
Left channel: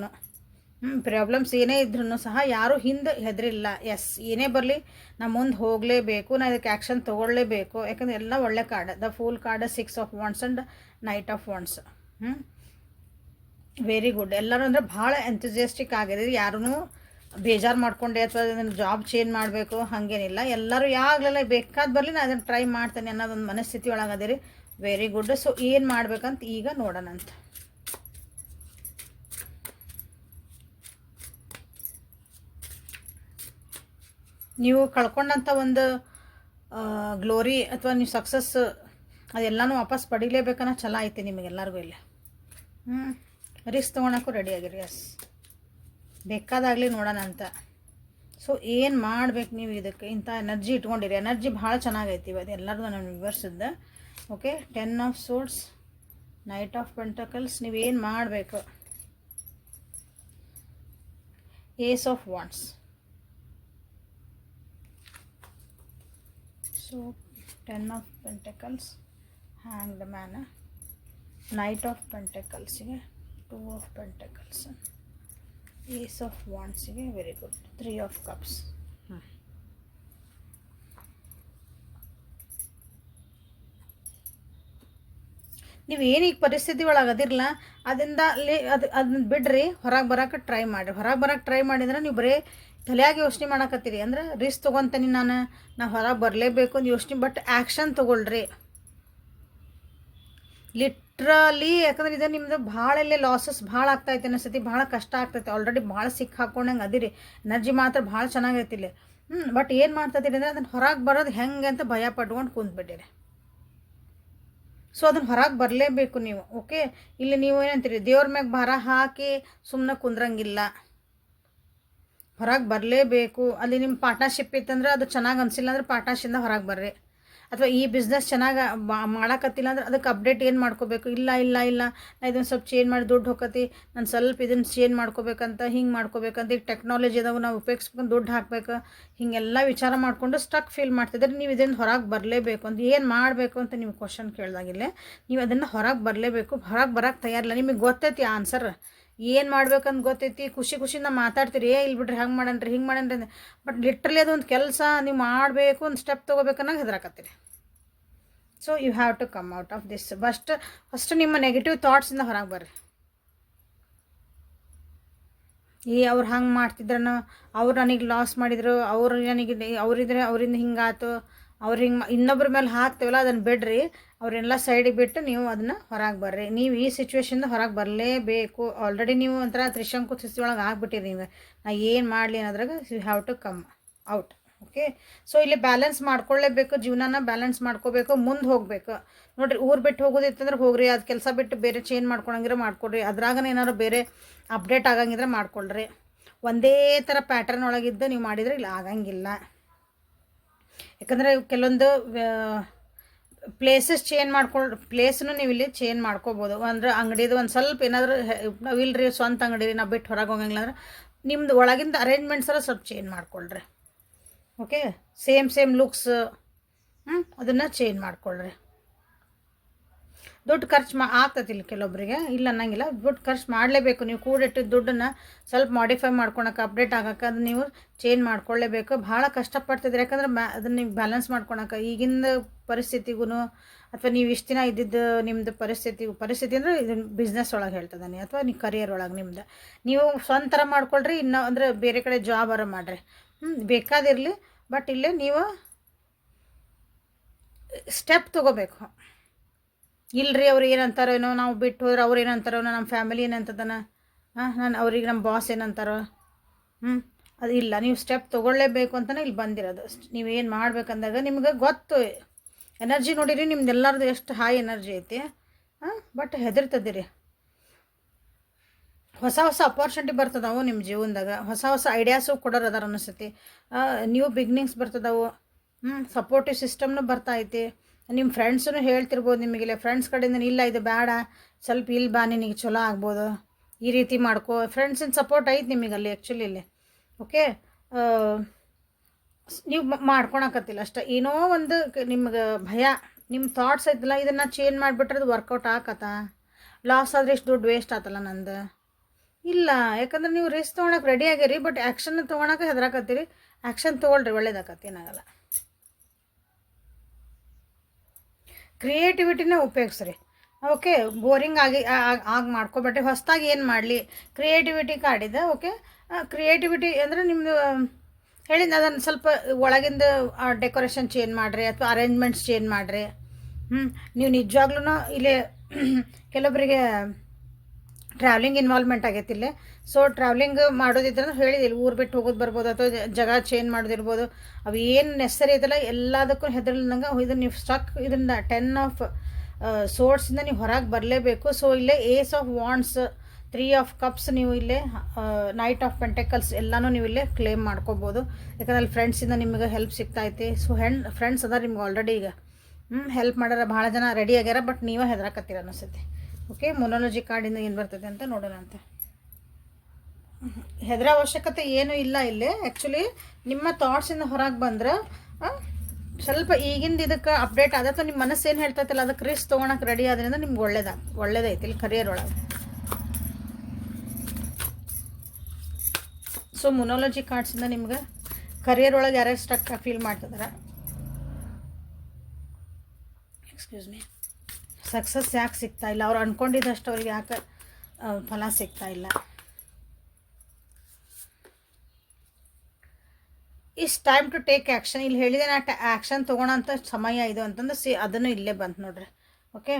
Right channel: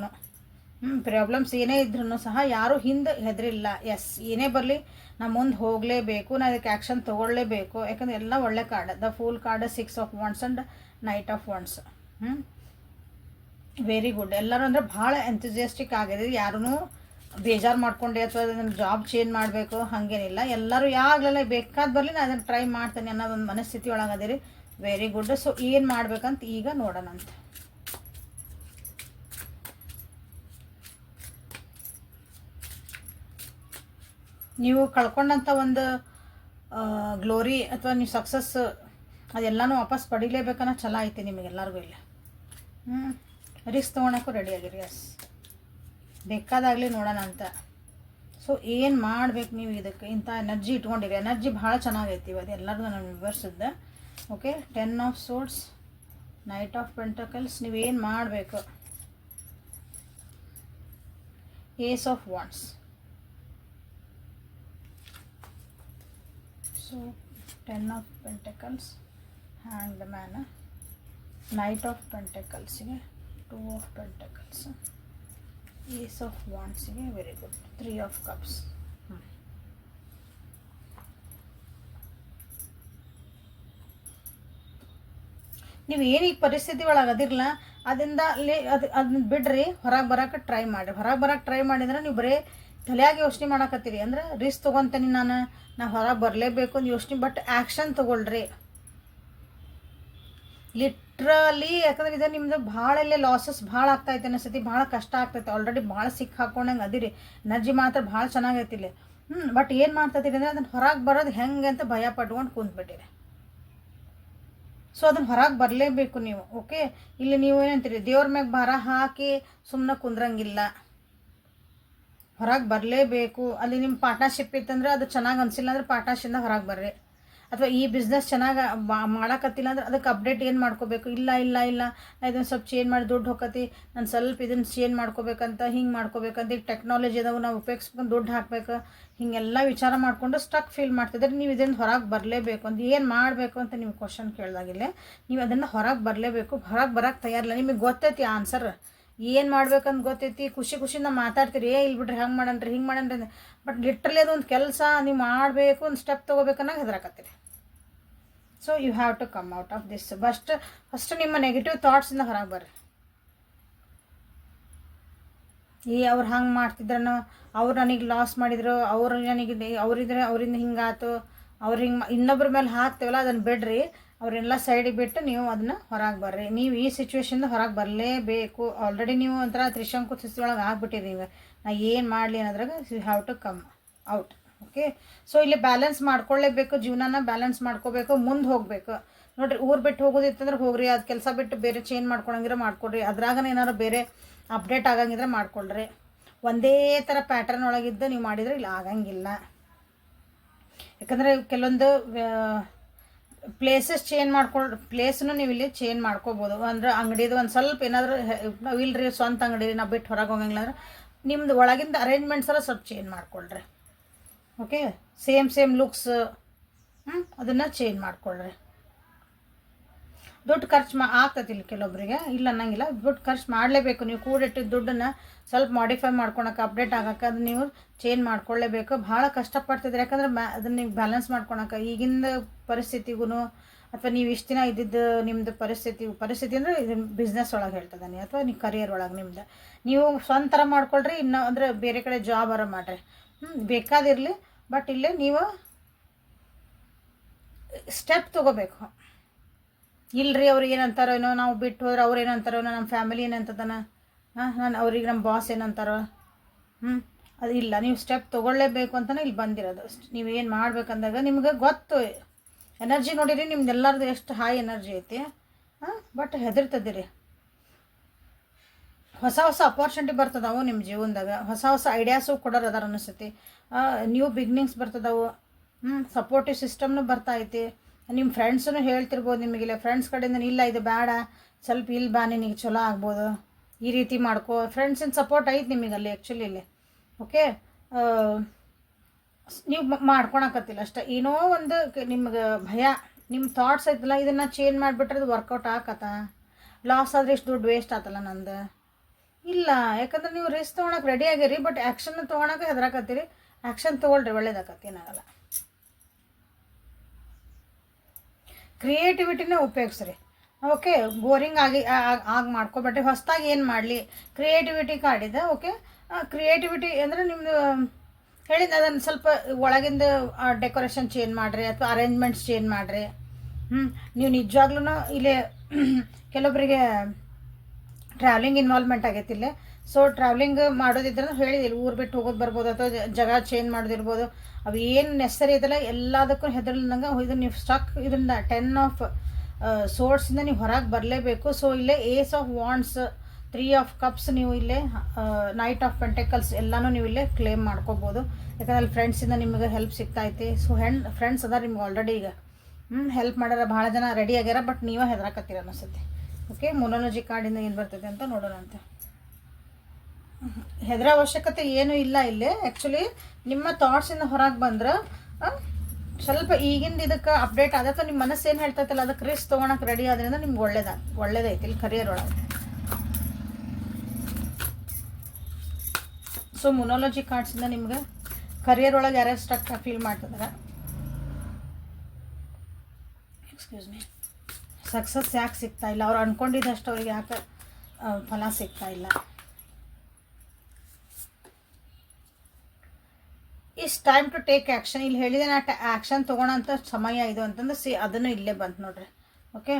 ಹ್ಞೂ ಪ್ರಾಬ್ಲಮ್ಸ್ ಏನೇ ಇದ್ರೂ ಸಹ ಯಾರೂ ಹಿಂದೆ ಹೆದರಿಲ್ಲ. ಎಸ್ ಏನೇ ಬರಲಿ ನಾ ಮುಂದೆ ಹೋಗಲೇಬೇಕು ನಾ ಇದಕ್ಕೆ ಆ್ಯಕ್ಷನ್ ತೊಗೊಳ್ಳೇಬೇಕು. ಯಾಕಂದ್ರೆ ಎಲ್ಲ ಒಳ್ಳೆ card the full card six of wands and knight of wands ಹ್ಞೂ ವೆರಿ ಗುಡ್ ಎಲ್ಲರೂ ಅಂದರೆ ಭಾಳ ಎಂಥಜಿಯಸ್ಟಿಕ್ ಆಗಿದೆ ಯಾರೂ ಬೇಜಾರು ಮಾಡ್ಕೊಂಡೆ ಅಥವಾ ಅದನ್ನು ಜಾಬ್ ಚೇಂಜ್ ಮಾಡಬೇಕು ಹಾಗೇನಿಲ್ಲ. ಎಲ್ಲರೂ ಯಾವಾಗಲೆಲ್ಲ ಬೇಕಾದ ಬರಲಿ ನಾನು ಅದನ್ನು ಟ್ರೈ ಮಾಡ್ತೇನೆ ಅನ್ನೋದೊಂದು ಮನಸ್ಥಿತಿ ಒಳಗದಿರಿ. ವೆರಿ ಗುಡ್ ಸೊ ಏನು ಮಾಡ್ಬೇಕಂತ ಈಗ ನೋಡೋಣ ಅಂತ. ನೀವು ಕಳ್ಕೊಂಡಂಥ ಒಂದು ಗ್ಲೋರಿ ಅಥವಾ ನೀವು ಸಕ್ಸಸ್ ಅದೆಲ್ಲನೂ ವಾಪಸ್ ಪಡಿಲೇಬೇಕನ್ನೋ ಛಲ ಐತಿ ನಿಮಗೆಲ್ಲರಿಗೂ ಇಲ್ಲಿ. ಹ್ಞೂ ರಿಸ್ಕ್ ತೊಗೊಳಕ್ಕೂ ರೆಡಿ ಆಗಿರಿ ಎಸ್ ಬೇಕಾದಾಗಲಿ ನೋಡೋಣ ಅಂತ. ಸೊ ಏನು ಮಾಡ್ಬೇಕು ನೀವು ಇದಕ್ಕೆ? ಇಂಥ ಎನರ್ಜಿ ಇಟ್ಕೊಂಡಿರಿ. ಎನರ್ಜಿ ಭಾಳ ಚೆನ್ನಾಗೈತಿ ಅದು ಎಲ್ಲರಿಗೂ ನಾನು ವಿವರಿಸಿದ್ದೆ. Okay ten of swords knight of pentacles ನೀವೇನು ಮಾಡಬೇಕು? Ace of wands so ten of pentacles hanged man knight of ಪೆಂಟಕಲ್ಸಿಗೆ two of pentacles ace of ವಾಂಡ್ಸಿಗೆ very good three of cups ನೀವು ಏನೀಗ ಪರಿಸ್ಥಿತಿ ಒಳಗೆ ಅದಿರಲ್ಲ ಅದರಿಂದ ಅಲ್ಲಿ ಅದು ಅದನ್ನ ಬಿಡ್ರಿ, ಹೊರಗೆ ಬರೋಕೆ ಟ್ರೈ ಮಾಡಿ ಹೊರಗೆ ಬರೋಕೆ ಟ್ರೈ ಮಾಡಿದ್ರೆ ನೀವು ಬರೀ ತಲೆಯಾಗಿ ಯೋಚನೆ ಮಾಡಕತ್ತೀರಿ. ಅಂದ್ರೆ ರಿಸ್ಕ್ ತೊಗೊತೀನಿ ನಾನು, ನಾ ಹೊರಗೆ ಬರಲೇಬೇಕು ಅಂತ ಯೋಚನೆ ಬಟ್ ಆ್ಯಕ್ಷನ್ ತೊಗೊಳ್ರಿ. ಲಿಟ್ರಲಿ ಯಾಕಂದ್ರೆ ಇದು ನಿಮ್ದು ಭಾಳ ಇಲ್ಲೇ ಲಾಸಸ್ ಭಾಳ ಆಗ್ತೈತೆ ಸತಿ ಭಾಳ ಕಷ್ಟ ಆಗ್ತೈತೆ. ಆಲ್ರೆಡಿ ಭಾಳ ಸಿಕ್ಕ ಹಾಕೊಂಡಂಗೆ ಅದಿರಿ. ಎನರ್ಜಿ ಮಾತ್ರ ಭಾಳ ಚೆನ್ನಾಗೈತಿ ಇಲ್ಲಿ. ಹ್ಞೂ ಬಟ್ ಏನು ಮಾಡ್ತೈತಿರಿ ಅಂದರೆ ಅದನ್ನು ಹೊರಗೆ ಬರೋದು ಹೆಂಗೆ ಅಂತ ಭಯ ಪಟ್ಕೊಂಡು ಕುಂತ್ಬಿಟ್ಟಿರಿ. ಸೊ ಅದನ್ನು ಹೊರಗೆ ಬರಲೇಬೇಕು ನೀವು ಓಕೆ ಇಲ್ಲಿ ನೀವು ಏನಂತೀರಿ ದೇವ್ರ ಮ್ಯಾಗ ಭಾರ ಹಾಕಿ ಸುಮ್ಮನೆ ಕುಂದ್ರಂಗಿಲ್ಲ. ಹೊರಗೆ ಬರಲೇಬೇಕು. ಅಲ್ಲಿ ನಿಮ್ಮ ಪಾರ್ಟ್ನರ್ಶಿಪ್ ಇತ್ತಂದ್ರೆ ಅದು ಚೆನ್ನಾಗಿ ಅನಿಸಿಲ್ಲ ಅಂದ್ರೆ ಪಾರ್ಟ್ನರ್ಶಿಂದ ಹೊರಗೆ ಬರ್ರಿ. ಅಥವಾ ಈ ಬಿಸ್ನೆಸ್ ಚೆನ್ನಾಗಿ ಮಾಡಕತ್ತಿಲ್ಲ ಅಂದ್ರೆ ಅದಕ್ಕೆ ಅಪ್ಡೇಟ್ ಏನು ಮಾಡ್ಕೋಬೇಕು? ಇಲ್ಲ ಇಲ್ಲ ಇಲ್ಲ. ನಾ ಇದನ್ನು ಸ್ವಲ್ಪ ಚೇಂಜ್ ಮಾಡಿ ದುಡ್ಡು ಹೋಗತಿ ನಾನು ಸ್ವಲ್ಪ ಇದನ್ನು ಚೇಂಜ್ ಮಾಡ್ಕೋಬೇಕಂತ, ಹಿಂಗೆ ಮಾಡ್ಕೋಬೇಕಂತ. ಈಗ ಟೆಕ್ನಾಲಜಿ ಅದಾವು, ನಾವು ಉಪಯೋಗಿಸ್ಬೇಕು ದುಡ್ಡು ಹಾಕಬೇಕು. ಹೀಗೆಲ್ಲ ವಿಚಾರ ಮಾಡಿಕೊಂಡು ಸ್ಟಕ್ ಫೀಲ್ ಮಾಡ್ತಿದ್ರೆ ನೀವು ಇದನ್ನು ಹೊರಗೆ ಬರಲೇಬೇಕು ಅಂತ. ಏನು ಮಾಡಬೇಕು ಅಂತ ನೀವು ಕ್ವಶನ್ ಕೇಳ್ದಾಗಿಲ್ಲ ನೀವು ಅದನ್ನು ಹೊರಗೆ ಬರಲೇಬೇಕು. ಹೊರಗೆ ಬರೋಕ್ಕೆ ತಯಾರಿಲ್ಲ. ನಿಮಗೆ ಗೊತ್ತೈತಿ ಆನ್ಸರ್ ಏನು ಮಾಡ್ಬೇಕಂತ ಗೊತ್ತೈತಿ? ಖುಷಿ ಖುಷಿಯಿಂದ ಮಾತಾಡ್ತೀರಿ. ಏ ಇಲ್ಲಿ ಬಿಡ್ರಿ, ಹಂಗೆ ಮಾಡನ್ರಿ, ಹಿಂಗೆ ಮಾಡನ್ರಿ ಬಟ್ ಲಿಟ್ರಲಿ ಅದೊಂದು ಕೆಲಸ ನೀವು ಮಾಡಬೇಕು, ಒಂದು ಸ್ಟೆಪ್ ತೊಗೋಬೇಕನ್ನೋ ಹೆದರಾಕತ್ತೀರಿ. So you have to come out of this first first ನಿಮ್ಮ ನೆಗೆಟಿವ್ ಥಾಟ್ಸಿಂದ ಹೊರಗೆ ಬರ್ರಿ. ಏ, ಅವ್ರು ಹಂಗೆ ಮಾಡ್ತಿದ್ರನೋ, ಅವ್ರು ನನಗೆ ಲಾಸ್ ಮಾಡಿದ್ರು, ಅವ್ರು ನನಗೆ ಅವರಿದ್ರೆ ಅವರಿಂದ ಹಿಂಗಾತು ಅವ್ರು ಹಿಂಗೆ ಇನ್ನೊಬ್ಬರ ಮೇಲೆ ಹಾಕ್ತೇವಲ್ಲ ಅದನ್ನು ಬಿಡ್ರಿ. ಅವರೆಲ್ಲ ಸೈಡಿಗೆ ಬಿಟ್ಟು ನೀವು ಅದನ್ನು ಹೊರಗೆ ಬರ್ರಿ. ನೀವು ಈ ಸಿಚುವೇಶನ್ ಹೊರಗೆ ಬರಲೇಬೇಕು. ಆಲ್ರೆಡಿ ನೀವು ಒಂಥರ ತ್ರಿಶಂಕು ಸ್ಥಿತಿ ಒಳಗೆ ಆಗ್ಬಿಟ್ಟಿರಿ ನೀವು ನಾ ಏನು ಮಾಡಲಿ ಅನ್ನೋದ್ರಾಗ you have to come out okay so ಇಲ್ಲಿ ಬ್ಯಾಲೆನ್ಸ್ ಮಾಡ್ಕೊಳ್ಳೇಬೇಕು ಜೀವನನ ಬ್ಯಾಲೆನ್ಸ್ ಮಾಡ್ಕೋಬೇಕು. ಮುಂದೆ ಹೋಗಬೇಕು. ನೋಡಿರಿ, ಊರು ಬಿಟ್ಟು ಹೋಗೋದಿತ್ತಂದ್ರೆ ಹೋಗ್ರಿ. ಅದು ಕೆಲಸ ಬಿಟ್ಟು ಬೇರೆ ಚೇಂಜ್ ಮಾಡ್ಕೊಳಂಗಿದ್ರೆ ಮಾಡ್ಕೊಡ್ರಿ. ಅದ್ರಾಗನ ಏನಾದ್ರು ಬೇರೆ ಅಪ್ಡೇಟ್ ಆಗಂಗಿದ್ರೆ ಮಾಡ್ಕೊಳ್ರಿ. ಒಂದೇ ಥರ ಪ್ಯಾಟರ್ನ್ ಒಳಗಿದ್ದು ನೀವು ಮಾಡಿದರೆ ಇಲ್ಲಿ ಆಗಂಗಿಲ್ಲ. ಯಾಕಂದರೆ ಕೆಲವೊಂದು ಪ್ಲೇಸಸ್ ಚೇಂಜ್ ಮಾಡ್ಕೊಳ್ಳಿ ಪ್ಲೇಸ್ನು ನೀವು ಇಲ್ಲಿ ಚೇಂಜ್ ಮಾಡ್ಕೋಬೋದು. ಅಂದ್ರೆ ಅಂಗಡಿದು ಒಂದು ಸ್ವಲ್ಪ ಏನಾದರೂ ನಾವು ಸ್ವಂತ ಅಂಗಡಿ, ನಾವು ಬಿಟ್ಟು ಹೊರಗೆ ಹೋಗಂಗಿಲ್ಲ ಅಂದ್ರೆ ನಿಮ್ದು ಒಳಗಿಂದ ಅರೇಂಜ್ಮೆಂಟ್ಸ್ ಎಲ್ಲ ಸ್ವಲ್ಪ ಚೇಂಜ್ ಮಾಡ್ಕೊಳ್ರಿ. ಓಕೆ ಸೇಮ್ ಸೇಮ್ ಲುಕ್ಸ್ ಅದನ್ನು ಚೇಂಜ್ ಮಾಡ್ಕೊಳ್ರಿ. ದುಡ್ಡು ಖರ್ಚು ಮಾ ಆಗ್ತತಿಲ್ಲ ಇಲ್ಲಿ ಕೆಲವೊಬ್ಬರಿಗೆ ಇಲ್ಲ ಅನ್ನಂಗಿಲ್ಲ. ದುಡ್ಡು ಖರ್ಚು ಮಾಡಲೇಬೇಕು. ನೀವು ಕೂಡಿಟ್ಟಿದ್ದ ದುಡ್ಡನ್ನು ಸ್ವಲ್ಪ ಮಾಡಿಫೈ ಮಾಡ್ಕೊಳಕ್ಕೆ ಅಪ್ಡೇಟ್ ಆಗೋಕ್ಕೆ ಅದನ್ನ ನೀವು ಚೇಂಜ್ ಮಾಡ್ಕೊಳ್ಳೇಬೇಕು ಭಾಳ ಕಷ್ಟಪಡ್ತಿದ್ರೆ ಯಾಕಂದ್ರೆ ಮ್ಯಾ ಅದನ್ನ ನೀವು ಬ್ಯಾಲೆನ್ಸ್ ಮಾಡ್ಕೊಳಕ್ಕೆ. ಈಗಿನ ಪರಿಸ್ಥಿತಿಗೂ ಅಥವಾ ನೀವು ಇಷ್ಟು ದಿನ ಇದ್ದಿದ್ದು ನಿಮ್ಮದು ಪರಿಸ್ಥಿತಿ ಪರಿಸ್ಥಿತಿ ಅಂದರೆ ಇದು ಬಿಸ್ನೆಸ್ ಒಳಗೆ ಹೇಳ್ತದಾನೆ ಅಥವಾ ನೀವು ಕರಿಯರ್ ಒಳಗೆ ನಿಮ್ದು. ನೀವು ಸ್ವಂತ ಥರ ಮಾಡ್ಕೊಳ್ರಿ, ಇನ್ನು ಅಂದರೆ ಬೇರೆ ಕಡೆ ಜಾಬ್ ಅರ ಮಾಡಿರಿ. ಹ್ಞೂ ಬೇಕಾದಿರಲಿ. ಬಟ್ ಇಲ್ಲೇ ನೀವು ಸ್ಟೆಪ್ ತೊಗೋಬೇಕು. ಇಲ್ರಿ ಅವ್ರು ಏನಂತಾರೇನೋ, ನಾವು ಬಿಟ್ಟು ಹೋದ್ರೆ ಅವ್ರು ಏನಂತಾರೋ ನಮ್ಮ ಫ್ಯಾಮಿಲಿ ಏನಂತದನ? ಹಾಂ, ನಾನು ಅವ್ರಿಗೆ ನಮ್ಮ ಬಾಸ್ ಏನಂತಾರೋ? ಹ್ಞೂ ಅದು ಇಲ್ಲ, ನೀವು ಸ್ಟೆಪ್ ತೊಗೊಳ್ಳೇಬೇಕು ಅಂತಲೇ ಇಲ್ಲಿ ಬಂದಿರೋದು ನೀವೇನು ಮಾಡ್ಬೇಕಂದಾಗ ನಿಮ್ಗೆ ಗೊತ್ತು. ಎನರ್ಜಿ ನೋಡಿರಿ, ನಿಮ್ದು ಎಲ್ಲರದು ಎಷ್ಟು ಹೈ ಎನರ್ಜಿ ಐತಿ. ಹಾಂ ಬಟ್ ಹೆದರ್ತದಿರಿ ಹೊಸ ಹೊಸ ಅಪಾರ್ಚುನಿಟಿ ಬರ್ತದವು ನಿಮ್ಮ ಜೀವನದಾಗ. ಹೊಸ ಹೊಸ ಐಡಿಯಾಸು ಕೊಡೋರು ಅದಾರ ಅನಿಸ್ತೈತಿ. ನ್ಯೂ ಬಿಗ್ನಿಂಗ್ಸ್ ಬರ್ತದವು. ಹ್ಞೂ ಸಪೋರ್ಟಿವ್ ಸಿಸ್ಟಮ್ನು ಬರ್ತಾ ಐತಿ. ನಿಮ್ಮ ಫ್ರೆಂಡ್ಸೂ ಹೇಳ್ತಿರ್ಬೋದು ನಿಮಗಿಲ್ಲ ಫ್ರೆಂಡ್ಸ್ ಕಡೆಯಿಂದ ಇಲ್ಲ ಇದು ಬೇಡ, ಸ್ವಲ್ಪ ಇಲ್ಲಿ ಬಾ, ನಿನಗೆ ಚಲೋ ಆಗ್ಬೋದು. ಈ ರೀತಿ ಮಾಡ್ಕೋ. ಫ್ರೆಂಡ್ಸಿನ ಸಪೋರ್ಟ್ ಐತೆ ನಿಮಗೆ ಅಲ್ಲಿ ಆ್ಯಕ್ಚುಲಿ ಇಲ್ಲಿ ಓಕೆ ನೀವು ಮಾಡ್ಕೊಳಕತ್ತಿಲ್ಲ ಅಷ್ಟೇ. ಏನೋ ಒಂದು ನಿಮ್ಗೆ ಭಯ. ನಿಮ್ಮ ಥಾಟ್ಸ್ ಐತಲ್ಲ, ಇದನ್ನು ಚೇಂಜ್ ಮಾಡಿಬಿಟ್ರೆ ಅದು ವರ್ಕೌಟ್ ಆಕತ್ತ? ಲಾಸ್ ಆದರೆ ಇಷ್ಟು ದುಡ್ಡು ವೇಸ್ಟ್ ಆತಲ್ಲ ನಂದು? ಇಲ್ಲ, ಯಾಕಂದ್ರೆ ನೀವು ರಿಸ್ಕ್ ತೊಗೊಳಕ್ಕೆ ರೆಡಿ ಆಗಿರಿ ಬಟ್ ಆ್ಯಕ್ಷನ್ ತೊಗೊಳಕ್ಕೆ ಹೆದರಾಕತ್ತೀರಿ. ಆ್ಯಕ್ಷನ್ ತೊಗೊಳ್ರಿ, ಒಳ್ಳೇದಾಕತ್ತೆ, ಏನಾಗಲ್ಲ. ಕ್ರಿಯೇಟಿವಿಟಿನ ಉಪಯೋಗಿಸ್ರಿ. ಓಕೆ, ಬೋರಿಂಗ್ ಆಗಿ ಆಗಿ ಮಾಡ್ಕೊಬೇಡ್ರಿ ಹೊಸ್ದಾಗಿ ಏನು ಮಾಡಲಿ? Creativity ಕಾಡಿದೆ okay? ಕ್ರಿಯೇಟಿವಿಟಿ ಅಂದರೆ ನಿಮ್ಮದು ಹೇಳಿ ಅದನ್ನು ಸ್ವಲ್ಪ ಒಳಗಿಂದ ಡೆಕೋರೇಷನ್ ಚೇಂಜ್ ಮಾಡಿರಿ, ಅಥವಾ ಅರೇಂಜ್ಮೆಂಟ್ಸ್ ಚೇಂಜ್ ಮಾಡಿರಿ. ಹ್ಞೂ ನೀವು ನಿಜವಾಗ್ಲೂ ಇಲ್ಲಿ ಕೆಲವೊಬ್ಬರಿಗೆ ಟ್ರಾವೆಲಿಂಗ್ ಇನ್ವಾಲ್ವ್ಮೆಂಟ್ ಆಗೈತಿ ಇಲ್ಲಿ ಸೊ ಟ್ರಾವೆಲಿಂಗ್ ಮಾಡೋದಿದ್ರೆ ಹೇಳಿದಿಲ್ಲ ಊರು ಬಿಟ್ಟು ಹೋಗೋದು ಬರ್ಬೋದು, ಅಥವಾ ಜಗ ಚೇಂಜ್ ಮಾಡೋದಿರ್ಬೋದು. ಅವು ಏನು ನೆಸರಿ ಐತಲ್ಲ, ಎಲ್ಲದಕ್ಕೂ ಹೆದರ್ಲಂಗೆ ಇದನ್ನು ನೀವು ಸ್ಟಕ್ ಇದರಿಂದ ಟೆನ್ ಆಫ್ ಸೋರ್ಸಿಂದ ನೀವು ಹೊರಗೆ ಬರಲೇಬೇಕು. ಸೊ ಇಲ್ಲೇ ace of wands three of cups ನೀವು ಇಲ್ಲೇ ನೈಟ್ ಆಫ್ ಪೆಂಟೆಕಲ್ಸ್ ಎಲ್ಲನೂ ನೀವು ಇಲ್ಲೇ ಕ್ಲೇಮ್ ಮಾಡ್ಕೋಬೋದು. ಯಾಕಂದ್ರೆ ಅಲ್ಲಿ ಫ್ರೆಂಡ್ಸಿಂದ ನಿಮಗೆ ಹೆಲ್ಪ್ ಸಿಗ್ತೈತಿ. ಸೊ ಹೆಣ್ ಫ್ರೆಂಡ್ಸ್ ಅದ ನಿಮ್ಗೆ ಆಲ್ರೆಡಿ ಈಗ. ಹ್ಞೂ ಹೆಲ್ಪ್ ಮಾಡ್ಯಾರ ಭಾಳ ಜನ ರೆಡಿ ಆಗ್ಯಾರ ಬಟ್ ನೀವೇ ಹೆದರಾಕತ್ತೀರ ಅನಿಸುತ್ತೆ ಓಕೆ ಮೊನೋಲಜಿ ಕಾರ್ಡಿಂದ ಏನು ಬರ್ತದೆ ಅಂತ ನೋಡೋಣ ಅಂತ ಹೆದರ ಅವಶ್ಯಕತೆ ಏನೂ ಇಲ್ಲ ಇಲ್ಲಿ. ಆ್ಯಕ್ಚುಲಿ ನಿಮ್ಮ ಥಾಟ್ಸಿಂದ ಹೊರಗೆ ಬಂದ್ರೆ ಸ್ವಲ್ಪ ಈಗಿಂದ ಇದಕ್ಕೆ ಅಪ್ಡೇಟ್ ಆದ ನಿಮ್ಮ ಮನಸ್ಸು ಏನು ಹೇಳ್ತೈತಿಲ್ಲ ಅದಕ್ಕೆ ರಿಸ್ಕ್ ತೊಗೊಳಕ್ಕೆ ರೆಡಿ ಆದ್ರಿಂದ ನಿಮ್ಗೆ ಒಳ್ಳೇದ, ಒಳ್ಳೇದೈತಿ ಇಲ್ಲಿ ಕರಿಯರ್ ಒಳಗೆ. ಸೊ ಮೊನೋಲಜಿ ಕಾರ್ಡ್ಸಿಂದ ನಿಮ್ಗೆ ಕರಿಯರ್ ಒಳಗೆ ಯಾರ್ಯಾರು ಸ್ಟಕ್ ಫೀಲ್ ಮಾಡ್ತಿದ್ರೆ? ಎಕ್ಸ್ಕ್ಯೂಸ್ ಮೀ ಸಕ್ಸಸ್ ಯಾಕೆ ಸಿಗ್ತಾ ಇಲ್ಲ? ಅವ್ರು ಅಂದ್ಕೊಂಡಿದ್ದಷ್ಟು ಅವ್ರಿಗೆ ಯಾಕೆ ಫಲ ಸಿಗ್ತಾ ಇಲ್ಲ? Is time to take action. ಇಲ್ಲಿ ಹೇಳಿದೆ ನಾ ಆ್ಯಕ್ಷನ್ ತೊಗೊಳೋಂಥ ಸಮಯ ಇದು ಅಂತಂದ್ರೆ ಸಿ, ಅದನ್ನು ಇಲ್ಲೇ ಬಂತು ನೋಡ್ರಿ. ಓಕೆ?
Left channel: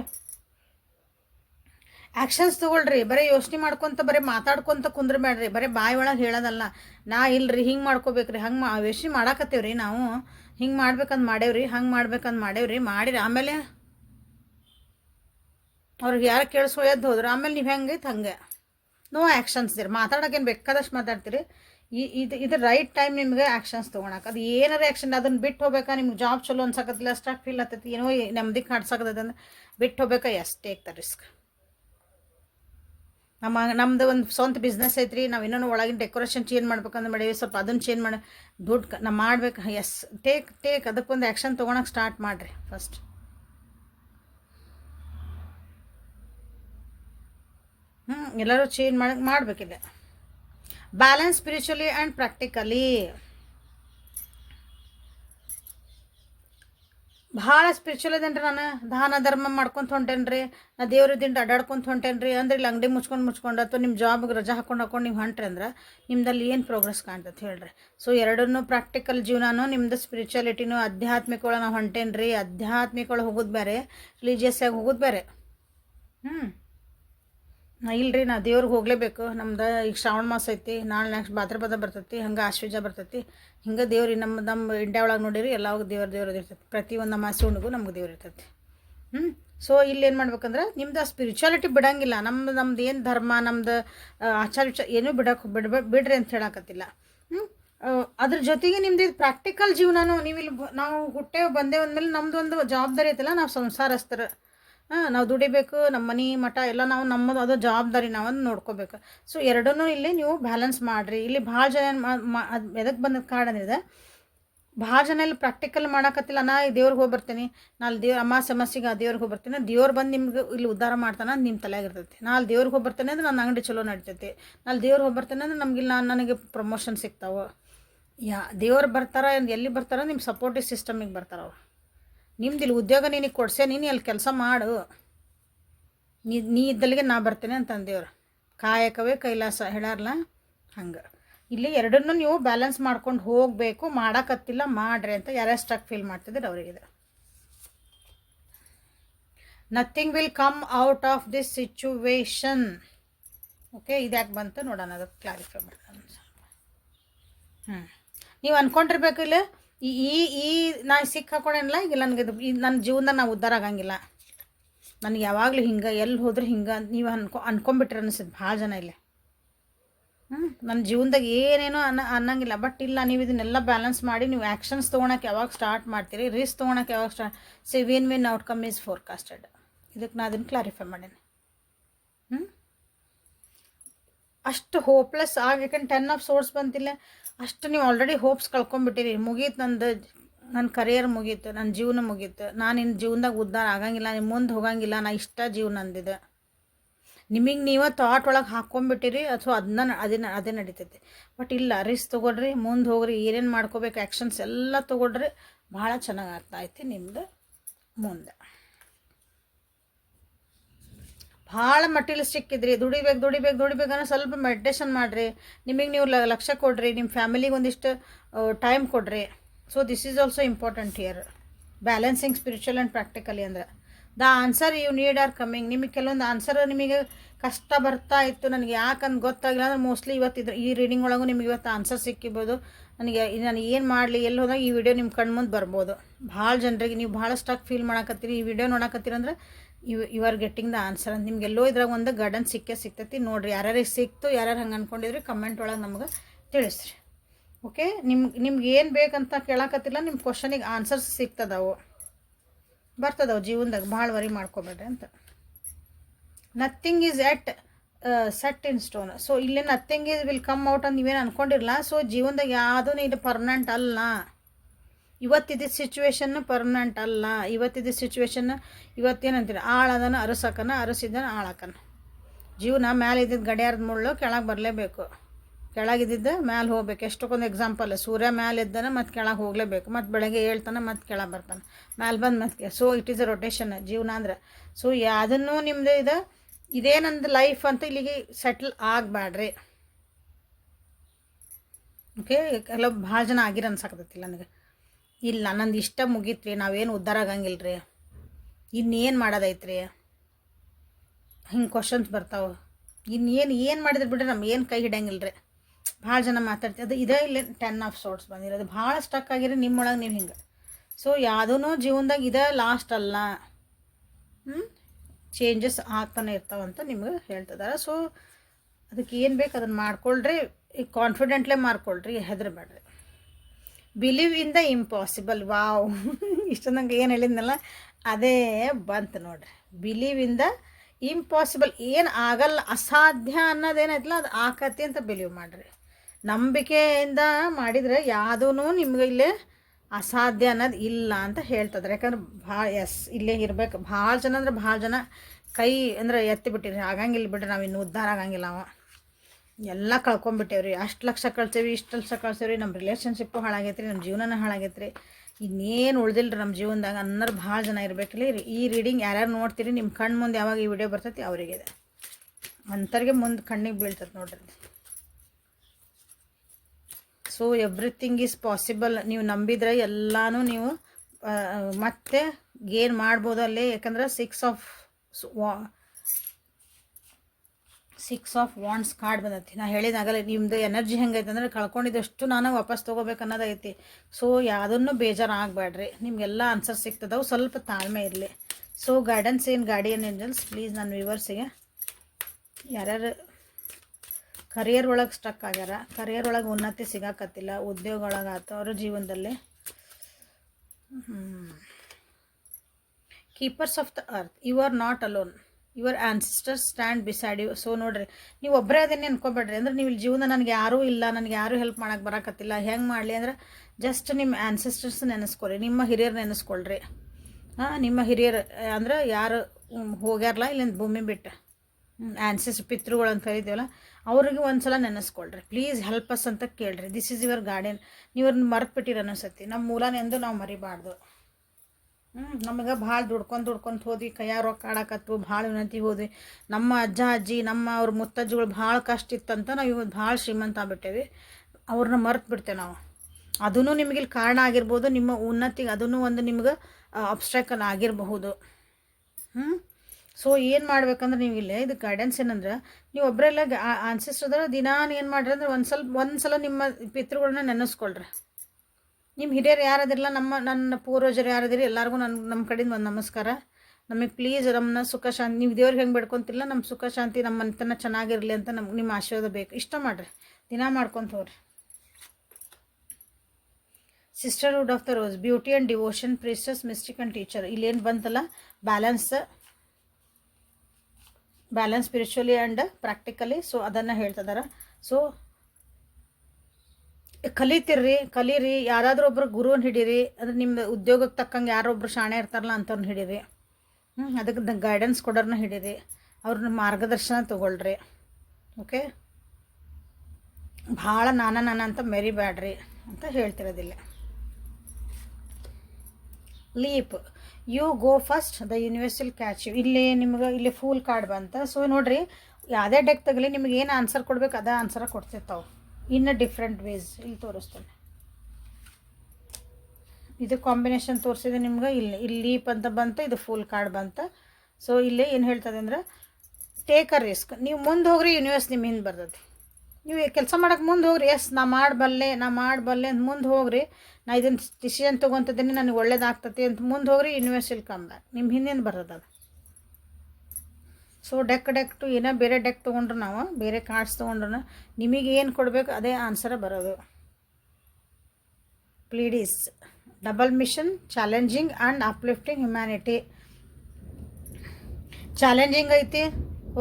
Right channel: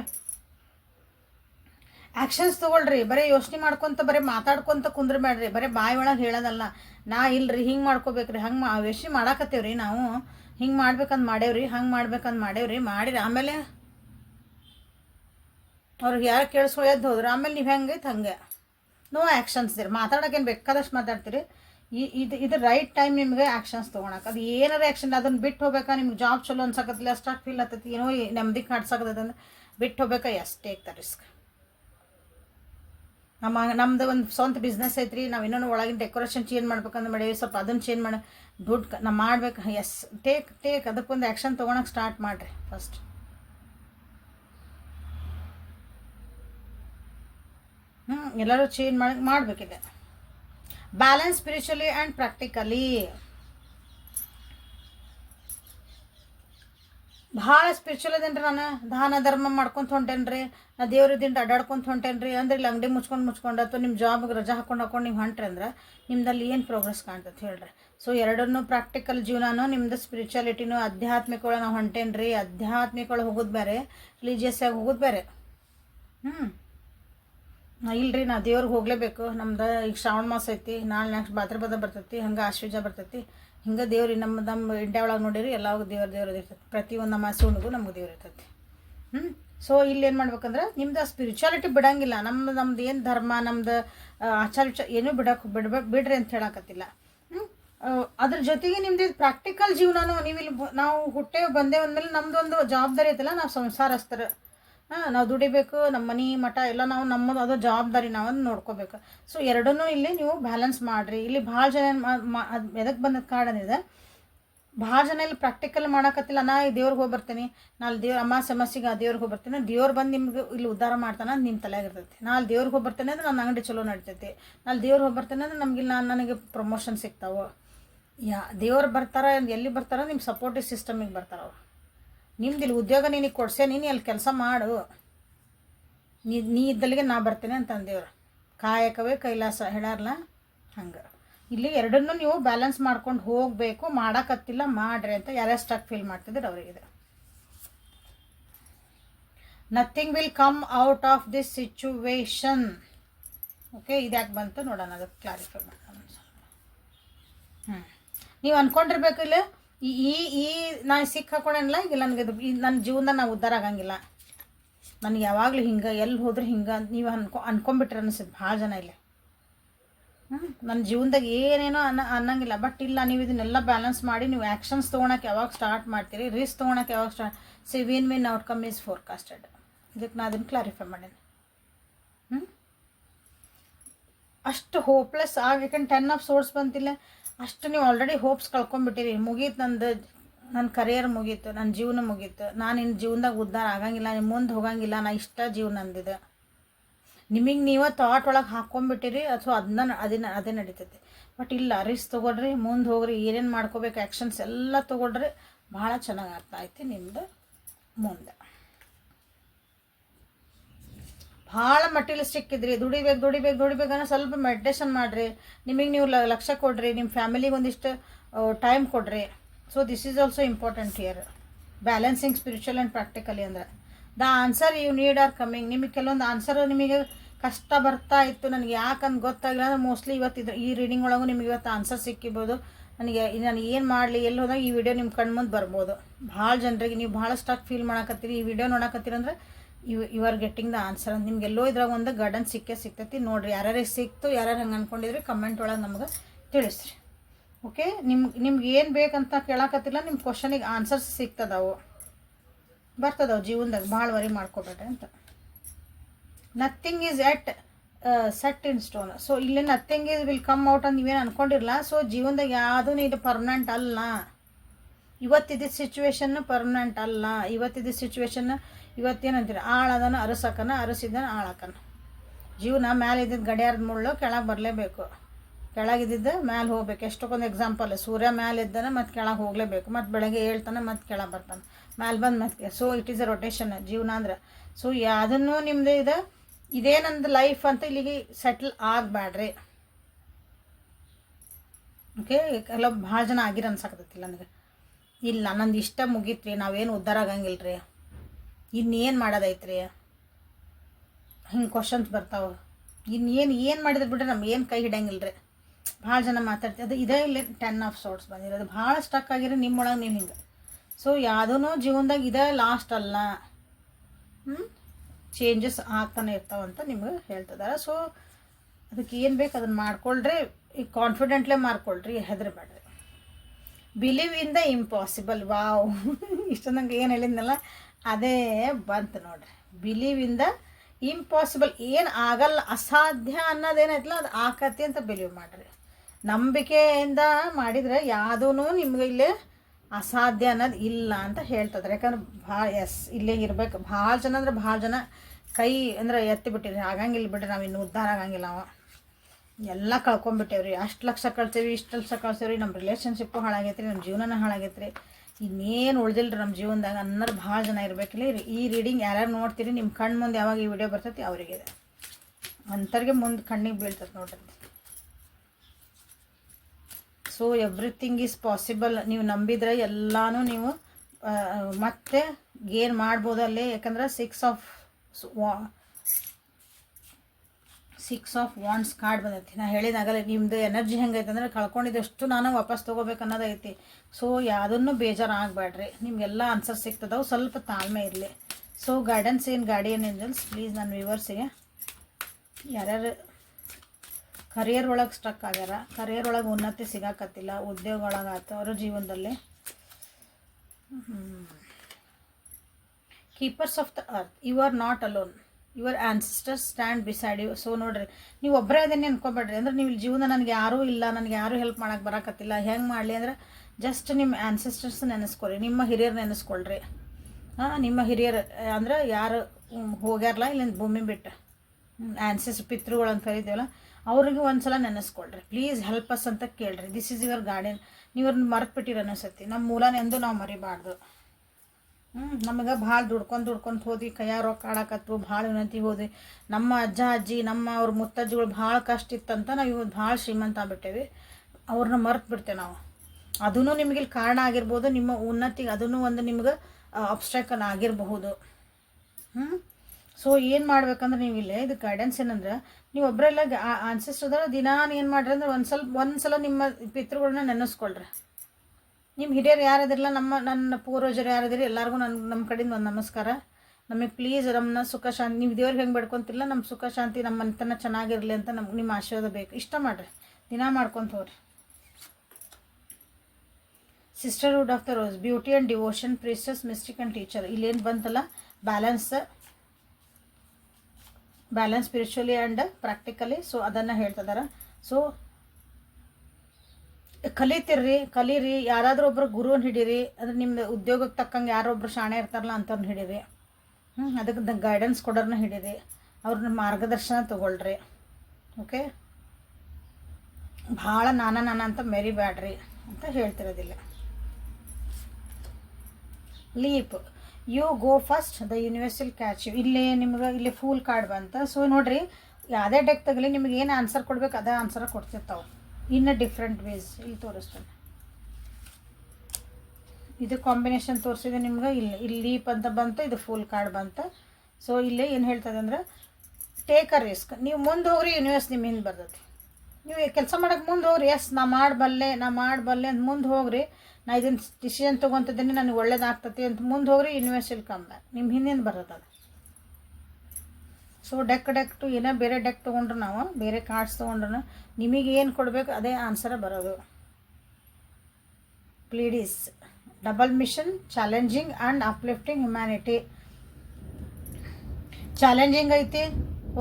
ಆ್ಯಕ್ಷನ್ಸ್ ತೊಗೊಳ್ರಿ. ಬರೀ ಯೋಚನೆ ಮಾಡ್ಕೊತ, ಬರೀ ಮಾತಾಡ್ಕೊತ ಕುಂದ್ರಬೇಡ್ರಿ ಬರೀ ಬಾಯಿ ಒಳಗೆ ಹೇಳೋದಲ್ಲ. ನಾ ಇಲ್ರಿ, ಹಿಂಗೆ ಮಾಡ್ಕೋಬೇಕ್ರಿ. ಹಂಗೆ ಮಾ, ಯೋಚನೆ ಮಾಡಾಕತ್ತೇವ್ರಿ ನಾವು. ಹಿಂಗೆ ಮಾಡ್ಬೇಕಂತ ಮಾಡೇವ್ರಿ ಹಂಗೆ ಮಾಡ್ಬೇಕಂತ ಮಾಡೇವ್ರಿ ಮಾಡಿರಿ. ಆಮೇಲೆ ಅವ್ರಿಗೆ ಯಾರು ಕೇಳಿಸ್ಕೊಳ್ಳೋದು ಹೋದ್ರೆ. ಆಮೇಲೆ ನೀವು ಹೆಂಗೈತೆ ಹಂಗೆ. ನೋ ಆ್ಯಕ್ಷನ್ಸ್ ಇದ್ದೀರಿ ಮಾತಾಡೋಕೇನು ಬೇಕಾದಷ್ಟು ಮಾತಾಡ್ತೀರಿ. ಈ ಇದು ಇದು ರೈಟ್ ಟೈಮ್ ನಿಮ್ಗೆ ಆ್ಯಕ್ಷನ್ಸ್ ತೊಗೊಳಕ್ಕೆ ಅದು ಏನಾರ ಆ್ಯಕ್ಷನ್ ಅದನ್ನು ಬಿಟ್ಟು ಹೋಗ್ಬೇಕಾ? ನಿಮ್ಗೆ ಜಾಬ್ ಚಲೋ ಅನ್ಸಕತ್ತಿಲ್ಲ ಅಷ್ಟಾಗಿ ಫೀಲ್ ಆಗ್ತೈತಿ ಏನೋ ನೆಮ್ಮದಿ ಕಾಡ್ಸಕತ್ತೈತೆ ಬಿಟ್ಟು ಹೋಗ್ಬೇಕಾ? ಎಸ್ ಟೇಕ್ ದ ರಿಸ್ಕ್ ನಮ್ಮ ನಮ್ದು ಒಂದು ಸ್ವಂತ ಬಿಸ್ನೆಸ್ ಐತ್ರಿ. ನಾವು ಇನ್ನೂ ಒಳಗಿನ ಡೆಕೋರೇಷನ್ ಚೇಂಜ್ ಮಾಡ್ಬೇಕಂದ್ರೆ ಮಾಡೀವಿ ಸ್ವಲ್ಪ ಅದನ್ನು ಚೇಂಜ್ ಮಾಡಿ, ದುಡ್ಡು ನಾವು ಮಾಡ್ಬೇಕು. ಎಸ್ ಟೇಕ್ ಟೇಕ್ ಅದಕ್ಕೊಂದು ಆ್ಯಕ್ಷನ್ ತೊಗೊಳಕ್ಕೆ ಸ್ಟಾರ್ಟ್ ಮಾಡಿರಿ ಫಸ್ಟ್ ಹ್ಞೂ ಎಲ್ಲರೂ ಚೇಂಜ್ ಮಾಡಕ್ಕೆ ಮಾಡಬೇಕಿದೆ. ಬ್ಯಾಲೆನ್ಸ್ ಸ್ಪಿರಿಚುಲಿ ಆ್ಯಂಡ್ ಪ್ರಾಕ್ಟಿಕಲಿ ಭಾಳ ಸ್ಪಿರಿಚುವಲ್ ಅದೇನ್ರಿ ನಾನು? ದಾನ, ಧರ್ಮ ಮಾಡ್ಕೊಂತ ಹೊಂಟೇನ್ರಿ. ನಾ ದೇವ್ರದಿಂದ ಅಡ್ಡಾಡ್ಕೊಂತ ಹೊಂಟೇನ್ರಿ. ಅಂದ್ರೆ ಇಲ್ಲಿ ಅಂಗಡಿ ಮುಚ್ಕೊಂಡು ಮುಚ್ಕೊಂಡು ಅಥವಾ ನಿಮ್ಮ ಜಾಬ್ಗೆ ರಜಾ ಹಾಕೊಂಡು ಹಾಕೊಂಡು ನೀವು ಹೊಂಟ್ರಿ ಅಂದ್ರೆ ನಿಮ್ದಲ್ಲಿ ಏನು ಪ್ರೋಗ್ರೆಸ್ ಕಾಣ್ತದೆ ಹೇಳ್ರಿ. ಸೊ ಎರಡನ್ನೂ ಪ್ರಾಕ್ಟಿಕಲ್ ಜೀವನನೂ ನಿಮ್ದು ಸ್ಪಿರಿಚುಯಾಲಿಟಿನೂ ಆಧ್ಯಾತ್ಮಿಕ ನಾವು ಹೊಂಟೇನ್ರಿ. ಆಧ್ಯಾತ್ಮಿಕ ಒಳಗೆ ಹೋಗೋದು ಬೇರೆ ರಿಲಿಜಿಯಸ್ ಆಗಿ ಹೋಗೋದು ಬೇರೆ ಹ್ಞೂ ಇಲ್ರಿ ನಾ ದೇವ್ರಿಗೆ ಹೋಗಲೇಬೇಕು. ನಮ್ದು ಈಗ ಶ್ರಾವಣ ಮಾಸ ಐತಿ ನಾಳೆ ನೆಕ್ಸ್ಟ್ ಭಾದ್ರಪದ ಬರ್ತೈತಿ ಹಂಗೆ ಆಶ್ವಜ ಬರ್ತೈತಿ. ಹಿಂಗೆ ದೇವ್ರಿ ನಮ್ಮ ನಮ್ಮ ಇಂಡಿಯಾ ಒಳಗೆ ನೋಡಿರಿ ಎಲ್ಲವಾಗ ದೇವ್ರ ದೇವ್ರದ್ದು ಇರ್ತೈತಿ. ಪ್ರತಿಯೊಂದು ಮಾಸ ಹುಣ್ಣಿಗೂ ನಮ್ಗೆ ದೇವ್ರು ಇರ್ತೈತಿ. ಹ್ಞೂ ಸೊ ಇಲ್ಲಿ ಏನು ಮಾಡ್ಬೇಕಂದ್ರೆ ನಿಮ್ದು ಸ್ಪಿರಿಚುಯಾಲಿಟಿ ಬಿಡಂಗಿಲ್ಲ. ನಮ್ದು ನಮ್ದು ಏನು ಧರ್ಮ ನಮ್ದು ಆ, ಆಚಾರ ವಿಚಾರ ಏನೂ ಬಿಡಕ್ಕೆ ಬಿಡ್ಬ ಬಿಡ್ರಿ ಅಂತ ಹೇಳಕತ್ತಿಲ್ಲ. ಹ್ಞೂ ಅದ್ರ ಜೊತೆಗೆ ನಿಮ್ದು ಪ್ರಾಕ್ಟಿಕಲ್ ಜೀವನನೂ ನೀವು ಇಲ್ಲಿ ನಾವು ಹುಟ್ಟೆ ಬಂದೆ ಅಂದಮೇಲೆ ನಮ್ದು ಒಂದು ಜವಾಬ್ದಾರಿ ಐತಲ್ಲ ನಾವು ಸಂಸಾರಸ್ಥರು ಹಾಂ, ನಾವು ದುಡಿಬೇಕು ನಮ್ಮ ಮನೆ ಮಠ ಎಲ್ಲ ನಾವು ನಮ್ಮದು ಅದು ಜವಾಬ್ದಾರಿ ನಾವು ನೋಡ್ಕೋಬೇಕು. ಸೊ ಎರಡನ್ನೂ ಇಲ್ಲಿ ನೀವು ಬ್ಯಾಲೆನ್ಸ್ ಮಾಡಿರಿ. ಇಲ್ಲಿ ಭಾಳ ಜನ ಅದು ಎದಕ್ಕೆ ಬಂದ ಕಾರಣನಿದೆ ಭಾಳ ಜನ ಇಲ್ಲಿ ಪ್ರಾಕ್ಟಿಕಲ್ ಮಾಡಕತ್ತಿಲ್ಲ. ನಾ ಈ ದೇವ್ರಿಗೆ ಹೋಗಿ ಬರ್ತೀನಿ. ನಾಲ್ ದೇವ್ರ ಅಮ್ಮ ಸಮಸ್ಯೆಗೆ ಆ ದೇವ್ರಿಗೆ ಹೋಗಿ ಬರ್ತೀನಿ. ದೇವ್ರು ಬಂದು ನಿಮ್ಗೆ ಇಲ್ಲಿ ಉದ್ಧಾರ ಮಾಡ್ತಾನೆ ಅಂತ ನಿಮ್ಮ ತಲೆಯಾಗ ಇರ್ತೈತಿ. ನಾಳೆ ದೇವ್ರಿಗೆ ಹೋಗಿ ಅಂದ್ರೆ ನನ್ನ ಅಂಗಡಿ ಚಲೋ ನಡಿತೈತಿ. ನಾಲ್ ದೇವ್ರಿಗೆ ಹೋಗಿ ಅಂದ್ರೆ ನಮ್ಗೆ ಇಲ್ಲಿ ನನಗೆ ಪ್ರಮೋಷನ್ ಸಿಗ್ತಾವೆ. ಯಾ, ದೇವ್ರು ಬರ್ತಾರೆ, ಎಲ್ಲಿ ಬರ್ತಾರ ನಿಮ್ಮ ಸಪೋರ್ಟಿವ್ ಸಿಸ್ಟಮಿಗೆ ಬರ್ತಾರೆ ಅವ್ರು. ನಿಮ್ದು ಇಲ್ಲಿ ಉದ್ಯೋಗ ನಿನಗೆ ಕೊಡ್ಸೆ, ನೀನು ಅಲ್ಲಿ ಕೆಲಸ ಮಾಡು. ನೀ ನೀ ಇದ್ದಲ್ಲಿಗೆ ನಾ ಬರ್ತೇನೆ ಅಂತ ಅಂದೇವ್ರು. ಕಾಯಕವೇ ಕೈಲಾಸ ಹೇಳಾರಲ್ಲ ಹಂಗೆ. ಇಲ್ಲಿ ಎರಡನ್ನೂ ನೀವು ಬ್ಯಾಲೆನ್ಸ್ ಮಾಡ್ಕೊಂಡು ಹೋಗಬೇಕು, ಮಾಡಕತ್ತಿಲ್ಲ, ಮಾಡ್ರಿ ಅಂತ ಯಾರ್ಯಾರು ಸ್ಟಕ್ ಫೀಲ್ ಮಾಡ್ತಿದ್ರು ಅವರಿಗೆ nothing will come out of this situation okay ಇದ್ಯಾಕೆ ಬಂತು ನೋಡೋಣ, ಅದಕ್ಕೆ ಕ್ಲಾರಿಫೈ ಮಾಡೋಣ ಹ್ಞೂ ನೀವು ಅಂದ್ಕೊಂಡಿರ್ಬೇಕು ಇಲ್ಲ? ಈ ಈ ನಾ ಸಿಕ್ಕ ಹಾಕೊಂಡೇನಿಲ್ಲ, ಈಗ ನನಗೆ ಇದು ನನ್ನ ಜೀವನದಾಗ ನಾವು ಉದ್ಧಾರ ಆಗಂಗಿಲ್ಲ. ನನಗೆ ಯಾವಾಗಲೂ ಹಿಂಗೆ ಎಲ್ಲಿ ಹೋದ್ರೆ ಹಿಂಗೆ ನೀವು ಅನ್ಕೊ, ಅನ್ಕೊಂಬಿಟ್ರೆ ಅನಿಸುತ್ತೆ ಭಾಳ ಜನ ಇಲ್ಲಿ. ಹ್ಞೂ ನನ್ನ ಜೀವನದಾಗ ಏನೇನೋ ಅನ್ನ, ಅನ್ನಂಗಿಲ್ಲ. ಬಟ್ ಇಲ್ಲ, ನೀವು ಇದನ್ನೆಲ್ಲ ಬ್ಯಾಲೆನ್ಸ್ ಮಾಡಿ, ನೀವು ಆ್ಯಕ್ಷನ್ಸ್ ತೊಗೊಳಕ್ಕೆ ಯಾವಾಗ ಸ್ಟಾರ್ಟ್ ಮಾಡ್ತೀರಿ ರಿಸ್ಕ್ ತೊಗೊಳಕ್ಕೆ ಯಾವಾಗ start see win win outcome is forecasted ಇದಕ್ಕೆ ನಾನು ಅದನ್ನು ಕ್ಲಾರಿಫೈ ಮಾಡೀನಿ. ಹ್ಞೂ ಅಷ್ಟು ಹೋಪ್ಲೆಸ್ ಆಗ್ಬೇಕಂದ್ರೆ ಟೆನ್ ಆಫ್ ಸೋರ್ಸ್ ಬಂತಿಲ್ಲ. ಅಷ್ಟು ನೀವು ಆಲ್ರೆಡಿ ಹೋಪ್ಸ್ ಕಳ್ಕೊಂಡ್ಬಿಟ್ಟಿರಿ. ಮುಗೀತು ನಂದು ನನ್ನ ಕರಿಯರ್ ಮುಗೀತು ನನ್ನ ಜೀವನ ಮುಗೀತು. ನಾನು ಇನ್ನು ಜೀವನದಾಗ ಉದ್ಧಾರ ಆಗಂಗಿಲ್ಲ ನಿಮ್ಮ ಮುಂದೆ ಹೋಗಂಗಿಲ್ಲ, ನಾ ಇಷ್ಟ ಜೀವನ ಅಂದಿದೆ ನಿಮಗೆ ನೀವೇ ಥಾಟ್ ಒಳಗೆ ಹಾಕ್ಕೊಂಬಿಟ್ಟಿರಿ ಅಥವಾ ಅದನ್ನ ಅದನ್ನ ಅದೇ ನಡೀತೈತಿ. ಬಟ್ ಇಲ್ಲ ರಿಸ್ಕ್ ತೊಗೊಳ್ರಿ, ಮುಂದೆ ಹೋಗ್ರಿ, ಏನೇನು ಮಾಡ್ಕೋಬೇಕು ಆ್ಯಕ್ಷನ್ಸ್ ಎಲ್ಲ ತೊಗೊಳ್ರಿ, ಭಾಳ ಚೆನ್ನಾಗಿ ಆಗ್ತಾ ಐತಿ ನಿಮ್ದು ಮುಂದೆ. ಭಾಳ ಮಟ್ಟಿಲಿ ಸಿಕ್ಕಿದ್ರಿ. ದುಡಿಬೇಕು ದುಡಿಬೇಕು ದುಡಿಬೇಕು ಅನ್ನೋ ಸ್ವಲ್ಪ ಮೆಡಿಟೇಷನ್ ಮಾಡಿರಿ. ನಿಮಗೆ ನೀವು ಲಕ್ಷ್ಯ ಕೊಡ್ರಿ ನಿಮ್ಮ ಫ್ಯಾಮಿಲಿಗೆ ಒಂದಿಷ್ಟು ಟೈಮ್ ಕೊಡ್ರಿ. So this is also important here balancing spiritual and practically ಅಂದ್ರೆ. The answer you need are coming ನಿಮಗೆ ಕೆಲವೊಂದು ಆನ್ಸರ್ ನಿಮಗೆ ಕಷ್ಟ ಬರ್ತಾ ಇತ್ತು. ನನಗೆ ಯಾಕಂತ ಗೊತ್ತಾಗಿಲ್ಲ ಅಂದ್ರೆ ಮೋಸ್ಟ್ಲಿ ಇವತ್ತು ಇದ್ರೆ, ಈ ರೀಡಿಂಗ್ ಒಳಗೂ ನಿಮಗೆ ಇವತ್ತು ಆನ್ಸರ್ ಸಿಕ್ಕಿಬೋದು. ನನಗೆ ನಾನು ಏನು ಮಾಡಲಿ, ಎಲ್ಲಿ ಹೋದಾಗ ಈ ವಿಡಿಯೋ ನಿಮ್ಮ ಕಣ್ಮುಂದೆ ಬರ್ಬೋದು. ಭಾಳ ಜನರಿಗೆ, ನೀವು ಭಾಳ ಸ್ಟಾಕ್ ಫೀಲ್ ಮಾಡಾಕತ್ತೀರಿ. ಈ ವಿಡಿಯೋ ನೋಡಕತ್ತೀರಿ ಅಂದ್ರೆ you you are getting the answer ಅಂತ ನಿಮ್ಗೆ ಎಲ್ಲೋ ಇದ್ರಾಗ ಒಂದು ಗಾರ್ಡನ್ ಸಿಕ್ಕೇ ಸಿಗ್ತೈತಿ ನೋಡಿರಿ ಯಾರ್ಯಾರಿಗೆ ಸಿಕ್ತು, ಯಾರ್ಯಾರು ಹಂಗೆ ಅಂದ್ಕೊಂಡಿದ್ರಿ ಕಮೆಂಟ್ ಒಳಗೆ ನಮ್ಗೆ ತಿಳಿಸ್ರಿ. ಓಕೆ ನಿಮ್ಗೆ ನಿಮ್ಗೆ ಏನು ಬೇಕಂತ ಕೇಳಕತ್ತಿಲ್ಲ ನಿಮ್ಮ ಕ್ವಶನಿಗೆ ಆನ್ಸರ್ಸ್ ಸಿಗ್ತದವು. ಬರ್ತದವು ಜೀವನದಾಗ, ಭಾಳ ವರಿ ಮಾಡ್ಕೋಬೇಡ್ರಿ ಅಂತ. Nothing is at set in stone so ಇಲ್ಲಿ nothing is will come out ಅಂತ ನೀವೇನು ಅನ್ಕೊಂಡಿರಲ್ಲ ಸೊ ಜೀವನದಾಗ ಯಾವುದೂ ಇದು ಪರ್ಮನೆಂಟ್ ಅಲ್ಲ. ಇವತ್ತಿದ್ದ ಸಿಚುವೇಶನ್ ಪರ್ಮನೆಂಟ್ ಅಲ್ಲ. ಇವತ್ತಿದ್ದ ಸಿಚುವೇಶನ್ ಇವತ್ತೇನಂತೀರಿ? ಆಳದನ ಅರಸಕನ ಅರಸಿದನ ಆಳಕನ. ಜೀವನ ಮ್ಯಾಲ ಇದ್ದಿದ್ದು ಗಡಿಯಾರದ ಮುಳ್ಳು ಕೆಳಗೆ ಬರಲೇಬೇಕು. ಕೆಳಗಿದ್ದಿದ್ದು ಮ್ಯಾಲೆ ಹೋಗ್ಬೇಕು. ಎಷ್ಟಕ್ಕೊಂದು ಎಕ್ಸಾಂಪಲ್ ಸೂರ್ಯ ಮ್ಯಾಲೆ ಇದ್ದಾನೆ ಮತ್ತು ಕೆಳಗೆ ಹೋಗಲೇಬೇಕು. ಮತ್ತು ಬೆಳಗ್ಗೆ ಹೇಳ್ತಾನೆ, ಮತ್ತು ಕೆಳಗೆ ಬರ್ತಾನೆ. ಮ್ಯಾಲೆ ಬಂದು ಮತ್ತೆ so it is a rotation ಜೀವನ ಅಂದ್ರೆ. ಸೊ ಯಾವುದನ್ನು ನಿಮ್ಮದು ಇದು, ಇದೇ ನಂದು ಲೈಫ್ ಅಂತ ಇಲ್ಲಿಗೆ ಸೆಟ್ಲ್ ಆಗಬೇಡ್ರಿ ಓಕೆ ಎಲ್ಲ ಭಾಳ ಜನ ಆಗಿರ ಅನ್ಸಕತ್ತೈತಿ ನನಗೆ. ಇಲ್ಲ ನಂದು ಇಷ್ಟ ಮುಗೀತ್ರಿ, ನಾವೇನು ಉದ್ಧಾರ ಆಗಂಗಿಲ್ಲ ರೀ ಇನ್ನೇನು ಮಾಡೋದೈತ್ರಿ? ಹಿಂಗೆ ಕ್ವಶನ್ಸ್ ಬರ್ತಾವೆ. ಇನ್ನೇನು, ಏನು ಮಾಡಿದ್ರೆ ಬಿಡ್ರಿ, ನಮ್ಗೆ ಏನು ಕೈ ಹಿಡಂಗಿಲ್ಲ ರೀ ಭಾಳ ಜನ ಮಾತಾಡ್ತೀವಿ ಅದು ಇದೇ ಇಲ್ಲ ಟೆನ್ ಆಫ್ ಸೋರ್ಟ್ಸ್ ಬಂದಿರೋದು. ಭಾಳ ಸ್ಟಕ್ ಆಗಿರೋ ನಿಮ್ಮೊಳಗೆ ನೀವು ಹಿಂಗೆ. ಸೊ ಯಾವುದೂ ಜೀವನದಾಗ ಇದೇ ಲಾಸ್ಟ್ ಅಲ್ಲ. ಚೇಂಜಸ್ ಆಗ್ತಾನೆ ಇರ್ತಾವಂತ ನಿಮ್ಗೆ ಹೇಳ್ತಿದ್ದಾರೆ ಸೊ ಅದಕ್ಕೆ ಏನು ಬೇಕು ಅದನ್ನು ಮಾಡ್ಕೊಳ್ರಿ. ಈಗ ಕಾನ್ಫಿಡೆಂಟ್ಲೇ ಮಾಡ್ಕೊಳ್ರಿ, ಹೆದರಬೇಡ್ರಿ. Believe in the impossible wow ಇಷ್ಟು ನಂಗೆ ಏನು ಹೇಳಿದ್ನಲ್ಲ, ಅದೇ ಬಂತು ನೋಡ್ರಿ. ಬಿಲೀವ್ ಇನ್ ದ ಇಂಪಾಸಿಬಲ್ ಏನು ಆಗಲ್ಲ, ಅಸಾಧ್ಯ ಅನ್ನೋದೇನೈತಲ್ಲ ಅದು ಆಕತಿ ಅಂತ ಬಿಲೀವ್ ಮಾಡಿರಿ. ನಂಬಿಕೆಯಿಂದ ಮಾಡಿದರೆ ಯಾವುದೂ ನಿಮ್ಗೆ ಇಲ್ಲಿ ಅಸಾಧ್ಯ ಅನ್ನೋದು ಇಲ್ಲ ಅಂತ ಹೇಳ್ತದ್ರೆ. ಯಾಕಂದ್ರೆ ಭಾಳ ಎಸ್, ಇಲ್ಲೇ ಇರ್ಬೇಕು. ಭಾಳ ಜನ ಅಂದ್ರೆ ಭಾಳ ಜನ ಕೈ ಅಂದ್ರೆ ಎತ್ತಿ ಬಿಟ್ಟಿರಿ. ಆಗಂಗಿಲ್ಲ ಬಿಡ್ರಿ, ನಾವು ಇನ್ನೂ ಉದ್ಧಾರ ಆಗಂಗಿಲ್ಲ ಅವ. ಎಲ್ಲ ಕಳ್ಕೊಂಬಿಟ್ಟೇವ್ರಿ ಅಷ್ಟು ಲಕ್ಷ ಕಳ್ಸೇವಿ ಇಷ್ಟು ಲಕ್ಷ ಕಳ್ಸೇವ್ರಿ. ನಮ್ಮ ರಿಲೇಷನ್ಶಿಪ್ಪು ಹಾಳಾಗೈತ್ರಿ ನಮ್ಮ ಜೀವನನೂ ಹಾಳಾಗೈತ್ರಿ. ಇನ್ನೇನು ಉಳ್ದಿಲ್ಲ ನಮ್ಮ ಜೀವನದಾಗ. ಅನ್ನೋರು ಭಾಳ ಜನ ಇರಬೇಕಿಲ್ಲ ಈ ರೀಡಿಂಗ್ ಯಾರ್ಯಾರು ನೋಡ್ತೀರಿ ನಿಮ್ಮ ಕಣ್ಣು ಮುಂದೆ ಯಾವಾಗ ಈ ವಿಡಿಯೋ ಬರ್ತೈತಿ ಅವರಿಗೆ ಅಂಥವ್ರಿಗೆ ಮುಂದೆ ಕಣ್ಣಿಗೆ ಬೀಳ್ತದೆ ನೋಡ್ರಿ. ಸೊ ಎವ್ರಿಥಿಂಗ್ ಈಸ್ ಪಾಸಿಬಲ್ ನೀವು ನಂಬಿದ್ರೆ ಎಲ್ಲನೂ ನೀವು ಮತ್ತೆ ಗೇನ್ ಮಾಡ್ಬೋದಲ್ಲೇ. ಯಾಕಂದ್ರೆ six of six of wands card ಬಂದೈತಿ. ನಾ ಹೇಳಿದಾಗಲ್ಲ ನಿಮ್ಮದು ಎನರ್ಜಿ ಹೆಂಗೈತೆ ಅಂದ್ರೆ ಕಳ್ಕೊಂಡಿದ್ದಷ್ಟು ನಾನು ವಾಪಸ್ ತೊಗೋಬೇಕು ಅನ್ನೋದೈತಿ. ಸೊ ಯಾವುದನ್ನು ಬೇಜಾರು ಆಗಬೇಡ್ರಿ ನಿಮಗೆಲ್ಲ ಆನ್ಸರ್ ಸಿಗ್ತದವು, ಸ್ವಲ್ಪ ತಾಳ್ಮೆ ಇರಲಿ. ಸೊ ಗೈಡೆನ್ಸ್ ಏನು ಗಾರ್ಡಿಯನ್ ಏಂಜಲ್ಸ್ ಪ್ಲೀಸ್ ನನ್ನ ವ್ಯೂವರ್ಸಿಗೆ ಯಾರ್ಯಾರು ಕರಿಯರ್ ಒಳಗೆ ಸ್ಟಕ್ ಆಗ್ಯಾರ ಕರಿಯರ್ ಒಳಗೆ ಉನ್ನತಿ ಸಿಗಾಕತ್ತಿಲ್ಲ, ಉದ್ಯೋಗ ಒಳಗಾಯ್ತು ಅವ್ರ ಜೀವನದಲ್ಲಿ keepers of the earth you are not alone your ancestor stand beside you so ನೋಡ್ರಿ, ನೀವು ಒಬ್ಬರೇ ಅದನ್ನೇ ಅನ್ಕೋಬೇಡ್ರಿ. ಅಂದ್ರೆ ನೀವು ಜೀವನ ನನಗೆ ಯಾರೂ ಇಲ್ಲ, ನನಗೆ ಯಾರೂ ಹೆಲ್ಪ್ ಮಾಡೋಕ್ಕೆ ಬರಕತ್ತಿಲ್ಲ. ಹೆಂಗೆ ಮಾಡಲಿ ಅಂದ್ರೆ ಜಸ್ಟ್ ನಿಮ್ಮ ಆನ್ಸಿಸ್ಟರ್ಸ್ ನೆನೆಸ್ಕೊಳ್ರಿ ನಿಮ್ಮ ಹಿರಿಯರು ನೆನೆಸ್ಕೊಳ್ರಿ. ಹಾಂ, ನಿಮ್ಮ ಹಿರಿಯರು, ಅಂದ್ರೆ ಯಾರು ಹೋಗ್ಯಾರಲ್ಲ ಇಲ್ಲಿಂದ ಭೂಮಿ ಬಿಟ್ಟು? ಆನ್ಸಿಸ್ ಪಿತೃಗಳು ಅಂತ ಕರಿತೀವಲ್ಲ, ಅವ್ರಿಗೆ ಒಂದ್ಸಲ ನೆನೆಸ್ಕೊಳ್ರಿ. ಪ್ಲೀಸ್ ಹೆಲ್ಪ್ ಅಸ್ ಅಂತ ಕೇಳ್ರಿ. ದಿಸ್ ಇಸ್ ಯುವರ್ ಗಾರ್ಡನ್ ನೀವು ಅವ್ರನ್ನ ಮರ್ತ್ಬಿಟ್ಟಿರ ಅನಿಸತಿ ನಮ್ಮ ಮೂಲನೆಂದು ನಾವು ಮರಿಬಾರ್ದು. ಹ್ಞೂ ನಮಗೆ ಭಾಳ ದುಡ್ಕೊಂಡು ದುಡ್ಕೊಂತ ಹೋದ್ವಿ. ಕೈಯಾಗ ರೊಕ್ಕ ಭಾಳ ವಿನಂತಿ ಹೋದ್ವಿ. ನಮ್ಮ ಅಜ್ಜ, ಅಜ್ಜಿ, ನಮ್ಮ ಅವ್ರ ಮುತ್ತಜ್ಜಿಗಳು ಭಾಳ ಕಷ್ಟ ಇತ್ತಂತ ನಾವು ಇವತ್ತು ಭಾಳ ಶ್ರೀಮಂತ ಆಗ್ಬಿಟ್ಟೇವಿ. ಅವ್ರನ್ನ ಮರ್ತು ಬಿಡ್ತೇವೆ ನಾವು. ಅದೂ ನಿಮಗೆ ಇಲ್ಲಿ ಕಾರಣ ಆಗಿರ್ಬೋದು, ನಿಮ್ಮ ಉನ್ನತಿಗೆ ಅದನ್ನು ಒಂದು ನಿಮ್ಗೆ ಅಬ್ಸ್ಟ್ರಾಕಲ್ ಆಗಿರಬಹುದು. ಹ್ಞೂ ಸೊ ಏನು ಮಾಡ್ಬೇಕಂದ್ರೆ ನೀವು ಇಲ್ಲೇ ಇದು ಗೈಡೆನ್ಸ್ ಏನಂದ್ರೆ, ನೀವು ಒಬ್ಬರೆಲ್ಲ ಅನ್ಸಿಸ್ಟರ್ ದಿನಾನು ಏನು ಮಾಡ್ರಿ ಅಂದ್ರೆ ಒಂದು ಸ್ವಲ್ಪ ಒಂದು ಸಲ ನಿಮ್ಮ ಪಿತೃಗಳನ್ನ ನೆನೆಸ್ಕೊಳ್ರಿ. ನಿಮ್ಮ ಹಿರಿಯರು ಯಾರದಿರಲ್ಲ, ನಮ್ಮ, ನನ್ನ ಪೂರ್ವಜರು ಯಾರದಿರಿ ಎಲ್ಲರಿಗೂ ನನ್ನ ನಮ್ಮ ಕಡೆಯಿಂದ ಒಂದು ನಮಸ್ಕಾರ. ನಮಗೆ ಪ್ಲೀಸ್ ನಮ್ಮನ್ನ ಸುಖ ಶಾಂತಿ ನೀವು ದೇವ್ರಿಗೆ ಹೆಂಗೆ ಬೇಡ್ಕೊತಿಲ್ಲ ನಮ್ಮ ಸುಖ ಶಾಂತಿ ನಮ್ಮ ಮನೆತನ ಚೆನ್ನಾಗಿರಲಿ ಅಂತ ನಮ್ಗೆ ನಿಮ್ಮ ಆಶೀರ್ವಾದ ಬೇಕು. ಇಷ್ಟ ಮಾಡಿರಿ, ದಿನ ಮಾಡ್ಕೊತ ಹೋಗ್ರಿ. Sisterhood of the rose beauty and devotion priestess mystic and teacher ಇಲ್ಲೇನು ಬಂತಲ್ಲ balance balance spiritually and practically so ಅದನ್ನು ಹೇಳ್ತಿದ್ದಾರೆ ಸೊ ಕಲಿತಿರ್ರಿ, ಕಲೀರಿ, ಯಾರಾದರೂ ಒಬ್ರು ಗುರುನ ಹಿಡೀರಿ, ಅಂದ್ರೆ ನಿಮ್ಮ ಉದ್ಯೋಗಕ್ಕೆ ತಕ್ಕಂಗೆ ಯಾರೊಬ್ರು ಶಾಣೆ ಇರ್ತಾರಲ್ಲ ಅಂಥವ್ರನ್ನ ಹಿಡೀರಿ. ಹ್ಞೂ ಅದಕ್ಕೆ ಗೈಡೆನ್ಸ್ ಕೊಡೋರ್ನ ಹಿಡೀರಿ ಅವ್ರನ್ನ ಮಾರ್ಗದರ್ಶನ ತೊಗೊಳ್ರಿ. ಓಕೆ ಭಾಳ ನಾನ ನಾನ ಅಂತ ಮೆರಿಬ್ಯಾಡ್ರಿ ಅಂತ ಹೇಳ್ತಿರೋದಿಲ್ಲ. Leap you go first the universal catch you ಇಲ್ಲಿ ನಿಮ್ಗೆ ಇಲ್ಲಿ ಫೂಲ್ ಕಾರ್ಡ್ ಬಂತ. ಸೊ ನೋಡ್ರಿ, ಯಾವುದೇ ಡೆಕ್ ತಗಲಿ ನಿಮ್ಗೆ ಏನು ಆನ್ಸರ್ ಕೊಡ್ಬೇಕು ಅದೇ ಆನ್ಸರ್ ಕೊಡ್ತಿರ್ತಾವೆ. ಇನ್ ಡಿಫ್ರೆಂಟ್ ವೇಸ್ ಇಲ್ಲಿ ತೋರಿಸ್ತಾನೆ. ಇದು ಕಾಂಬಿನೇಷನ್ ತೋರಿಸಿದೆ ನಿಮ್ಗೆ. ಇಲ್ಲಿ ಇಲ್ಲಿ ಲೀಪ್ ಅಂತ ಬಂತು, ಇದು ಫುಲ್ ಕಾರ್ಡ್ ಬಂತು. ಸೊ ಇಲ್ಲಿ ಏನು ಹೇಳ್ತದೆ ಅಂದ್ರೆ ಟೇಕ್ ಅ ರಿಸ್ಕ್ ನೀವು ಮುಂದೆ ಹೋಗ್ರಿ ಯೂನಿವರ್ಸ್ ನಿಮ್ಮ ಹಿಂದೆ ಬರ್ತದೆ ನೀವು ಕೆಲಸ ಮಾಡೋಕೆ ಮುಂದೆ ಹೋಗ್ರಿ ಎಸ್ ನಾ ಮಾಡಬಲ್ಲೆ ನಾ ಮಾಡಬಲ್ಲೆ ಅಂತ ಮುಂದೆ ಹೋಗ್ರಿ. ನಾ ಇದನ್ನು ಡಿಸಿಷನ್ ತೊಗೊತಿದ್ದೀನಿ, ನನಗೆ ಒಳ್ಳೇದಾಗ್ತತಿ ಅಂತ ಮುಂದೆ ಹೋಗ್ರಿ ಯೂನಿವರ್ಸಲ್ ಕಮ್ ಬ್ಯಾಕ್ ನಿಮ್ಮ ಹಿಂದಿಂದ ಬರ್ತದೆ ಅದು. ಸೊ ಡೆಕ್ ಡೆಕ್ ಟು ಏನೋ ಬೇರೆ ಡೆಕ್ ತೊಗೊಂಡ್ರು ನಾವು, ಬೇರೆ ಕಾರ್ಡ್ಸ್ ತೊಗೊಂಡ್ರು ನಿಮಗೆ ಏನು ಕೊಡಬೇಕು ಅದೇ ಆನ್ಸರ್ ಬರೋದು. Pleiades double mission challenging and uplifting humanity challenging ಐತಿ.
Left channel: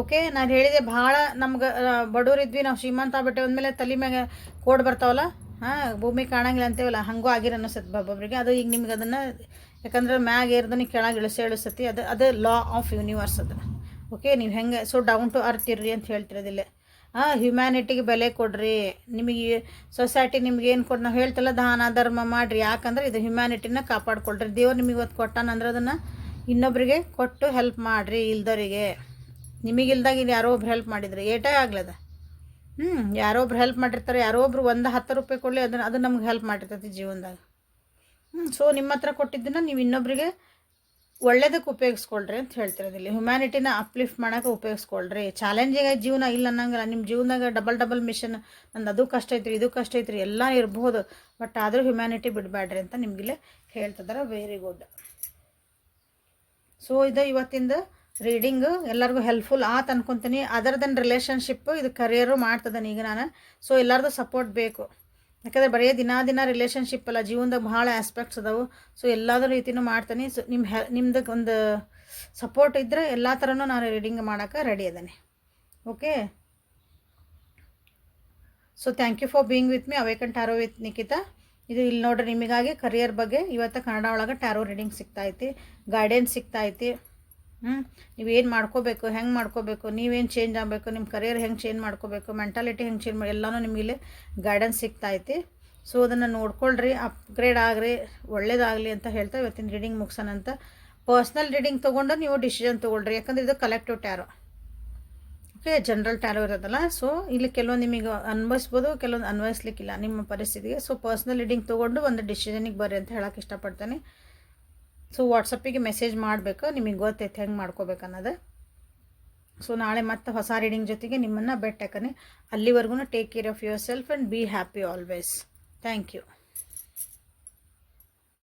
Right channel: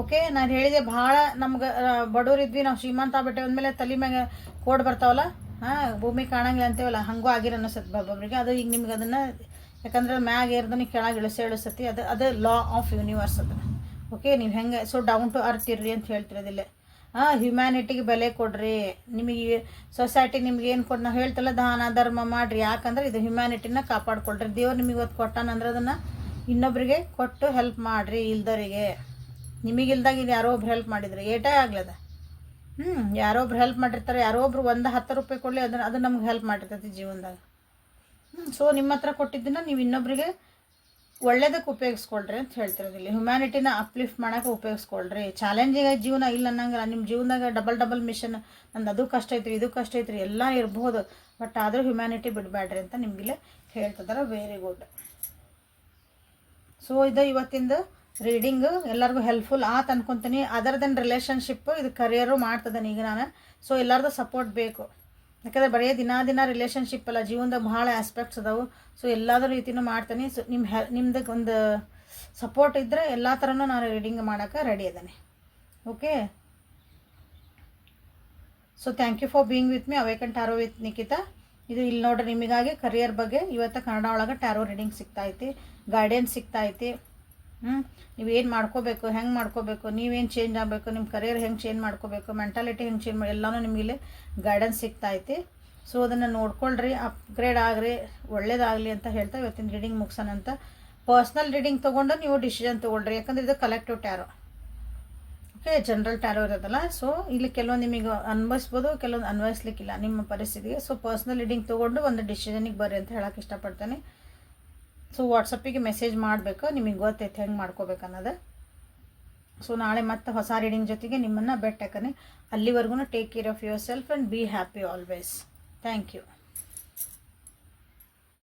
ಓಕೆ ನಾನು ಹೇಳಿದೆ ಭಾಳ ನಮ್ಗೆ ಬಡವರಿದ್ವಿ ನಾವು ಶ್ರೀಮಂತ ಆಗ್ಬಿಟ್ಟೆ, ಅಂದಮೇಲೆ ತಲೆ ಮ್ಯಾಗ ಕೋಡ್ ಬರ್ತಾವಲ್ಲ, ಹಾಂ, ಭೂಮಿ ಕಾಣಂಗಿಲ್ಲ ಅಂತೇವಲ್ಲ, ಹಂಗೂ ಆಗಿರ ಅನ್ನಿಸುತ್ತೆ ಒಬ್ಬೊಬ್ಬರಿಗೆ ಅದು ಈಗ ನಿಮ್ಗೆ ಅದನ್ನು, ಯಾಕಂದ್ರೆ ಮ್ಯಾಗ ಏರ್ದನಿ ಕೆಳಗೆ ಇಳಿಸಿ ಇಳಿಸತಿ, ಅದು ಅದು ಲಾ ಆಫ್ ಯೂನಿವರ್ಸ್ ಅದು. ಓಕೆ ನೀವು ಹೆಂಗೆ ಸೊ ಡೌನ್ ಟು ಅರ್ತ್ ಇರ್ರಿ ಅಂತ ಹೇಳ್ತಿರೋದಿಲ್ಲ. ಹಾಂ ಹ್ಯುಮ್ಯಾನಿಟಿಗೆ ಬೆಲೆ ಕೊಡ್ರಿ. ನಿಮಗೆ ಸೊಸೈಟಿ ನಿಮ್ಗೆ ಏನು ಕೊಡ್ ನಾವು ಹೇಳ್ತಲ್ಲ ದಾನ, ಧರ್ಮ ಮಾಡಿರಿ. ಯಾಕಂದ್ರೆ ಇದು ಹ್ಯುಮ್ಯಾನಿಟಿನ ಕಾಪಾಡ್ಕೊಳ್ರಿ. ದೇವ್ರು ನಿಮಗೆ ಇವತ್ತು ಕೊಟ್ಟಾನಂದ್ರೆ ಅದನ್ನು ಇನ್ನೊಬ್ರಿಗೆ ಕೊಟ್ಟು ಹೆಲ್ಪ್ ಮಾಡಿರಿ, ಇಲ್ದವರಿಗೆ. ನಿಮಗಿಲ್ದಾಗ ಇದು ಯಾರೋ ಒಬ್ರು ಹೆಲ್ಪ್ ಮಾಡಿದ್ರೆ, ಏಟೇ ಆಗ್ಲದ. ಹ್ಞೂ ಯಾರೋ ಒಬ್ರು ಹೆಲ್ಪ್ ಮಾಡಿರ್ತಾರೆ, ಯಾರೋ ಒಬ್ರು ಒಂದು ಹತ್ತು ರೂಪಾಯಿ ಕೊಡಲಿ, ಅದನ್ನು ಅದು ನಮ್ಗೆ ಹೆಲ್ಪ್ ಮಾಡಿರ್ತೈತಿ ಜೀವನದಾಗ. ಹ್ಞೂ ಸೊ ನಿಮ್ಮ ಹತ್ರ ಕೊಟ್ಟಿದ್ದನ್ನು ನೀವು ಇನ್ನೊಬ್ರಿಗೆ ಒಳ್ಳೇದಕ್ಕೆ ಉಪಯೋಗಿಸ್ಕೊಳ್ರಿ ಅಂತ ಹೇಳ್ತಿರೋದಿಲ್ಲ ಹ್ಯುಮ್ಯಾನಿಟಿನ ಅಪ್ಲಿಫ್ಟ್ ಮಾಡೋಕೆ ಉಪಯೋಗಿಸ್ಕೊಳ್ರಿ. ಚಾಲೆಂಜಿಂಗ್ ಜೀವನ ಇಲ್ಲ ಅನ್ನಂಗಿಲ್ಲ. ನಿಮ್ಮ ಜೀವನದಾಗ ಡಬಲ್ ಡಬಲ್ ಮಿಷನ್ ನಂದು ಅದು ಕಷ್ಟ ಐತ್ರಿ, ಇದು ಕಷ್ಟ ಐತ್ರಿ, ಎಲ್ಲ ಇರಬಹುದು ಬಟ್ ಆದರೂ ಹ್ಯುಮ್ಯಾನಿಟಿ ಬಿಡಬೇಡ್ರಿ ಅಂತ ನಿಮಗಿಲ್ಲೇ ಹೇಳ್ತಿದ್ದಾರೆ ವೆರಿ ಗುಡ್ ಸೊ ಇದು ಇವತ್ತಿಂದ ರೀಡಿಂಗು ಎಲ್ಲರಿಗೂ ಹೆಲ್ಪ್ಫುಲ್ ಆತ್ ಅನ್ಕೊತೀನಿ. ಅದರ್ ದೆನ್ ರಿಲೇಷನ್ಶಿಪ್ ಇದು ಕರಿಯರು ಮಾಡ್ತದನ ಈಗ ನಾನು. ಸೊ ಎಲ್ಲರದು ಸಪೋರ್ಟ್ ಬೇಕು. ಯಾಕಂದರೆ ಬರೀ ದಿನಾ ದಿನ ರಿಲೇಷನ್ಶಿಪ್ ಅಲ್ಲ ಜೀವನದ ಭಾಳ ಆಸ್ಪೆಕ್ಟ್ಸ್ ಅದಾವು. ಸೊ ಎಲ್ಲಾದ್ರ ರೀತಿನೂ ಮಾಡ್ತೀನಿ. ಸೊ ನಿಮ್ಮ ಹೆ ಒಂದು ಸಪೋರ್ಟ್ ಇದ್ದರೆ ಎಲ್ಲ ಥರನೂ ನಾನು ರೀಡಿಂಗ್ ಮಾಡೋಕೆ ರೆಡಿ ಅದೇನೆ. Okay so thank you for being with me awaken tarot with Nikhita ಇದು ಇಲ್ಲಿ ನೋಡ್ರಿ ನಿಮಗಾಗಿ ಕರಿಯರ್ ಬಗ್ಗೆ. ಇವತ್ತು ಕನ್ನಡ ಒಳಗೆ ಟ್ಯಾರೋ ರೀಡಿಂಗ್ ಸಿಗ್ತಾ ಐತಿ ಗೈಡೆನ್ಸ್ ಸಿಗ್ತಾ ಐತಿ. ಹ್ಞೂ ನೀವೇನು ಮಾಡ್ಕೋಬೇಕು, ಹೆಂಗೆ ಮಾಡ್ಕೋಬೇಕು, ನೀವೇನು ಚೇಂಜ್ ಆಗಬೇಕು ನಿಮ್ಮ ಕರಿಯರ್ ಹೆಂಗೆ ಚೇಂಜ್ ಮಾಡ್ಕೋಬೇಕು ಮೆಂಟಾಲಿಟಿ ಹೆಂಗೆ ಚೇಂಜ್ ಮಾಡಿ ಎಲ್ಲನೂ ನಿಮಗೆ ಗೈಡೆನ್ಸ್ ಸಿಗ್ತಾ ಐತಿ ಸೊ ಅದನ್ನು ನೋಡ್ಕೊಳ್ರಿ ಅಪ್ಗ್ರೇಡ್ ಆಗ್ರಿ, ಒಳ್ಳೇದಾಗಲಿ ಅಂತ ಹೇಳ್ತಾ ಇವತ್ತಿನ ರೀಡಿಂಗ್ ಮುಗಿಸೋಣ ಅಂತ ಪರ್ಸ್ನಲ್ ರೀಡಿಂಗ್ ತೊಗೊಂಡು ನೀವು ಡಿಸಿಷನ್ ತೊಗೊಳ್ರಿ, ಯಾಕಂದರೆ ಇದು collective tarot okay general tarot ಇರೋದಲ್ಲ ಸೊ ಇಲ್ಲಿ ಕೆಲವೊಂದು ನಿಮಗೆ ಅನ್ವಯಿಸ್ಬೋದು ಕೆಲವೊಂದು ಅನ್ವಯಿಸ್ಲಿಕ್ಕಿಲ್ಲ ನಿಮ್ಮ ಪರಿಸ್ಥಿತಿಗೆ. ಸೊ ಪರ್ಸ್ನಲ್ ರೀಡಿಂಗ್ ತೊಗೊಂಡು ಒಂದು ಡಿಸಿಷನಿಗೆ ಬರ್ರಿ ಅಂತ ಹೇಳಕ್ಕೆ ಇಷ್ಟಪಡ್ತೇನೆ. ಸೊ ವಾಟ್ಸಪ್ಪಿಗೆ ಮೆಸೇಜ್ ಮಾಡಬೇಕು. ನಿಮಗೆ ಗೊತ್ತೈತೆ ಹೆಂಗೆ ಮಾಡ್ಕೋಬೇಕು ಅನ್ನೋದು. ಸೊ ನಾಳೆ ಮತ್ತೆ ಹೊಸ ರೀಡಿಂಗ್ ಜೊತೆಗೆ ನಿಮ್ಮನ್ನು ಬೆಟ್ಟಕನೆ ಅಲ್ಲಿವರೆಗೂ take care of yourself and be happy always thank you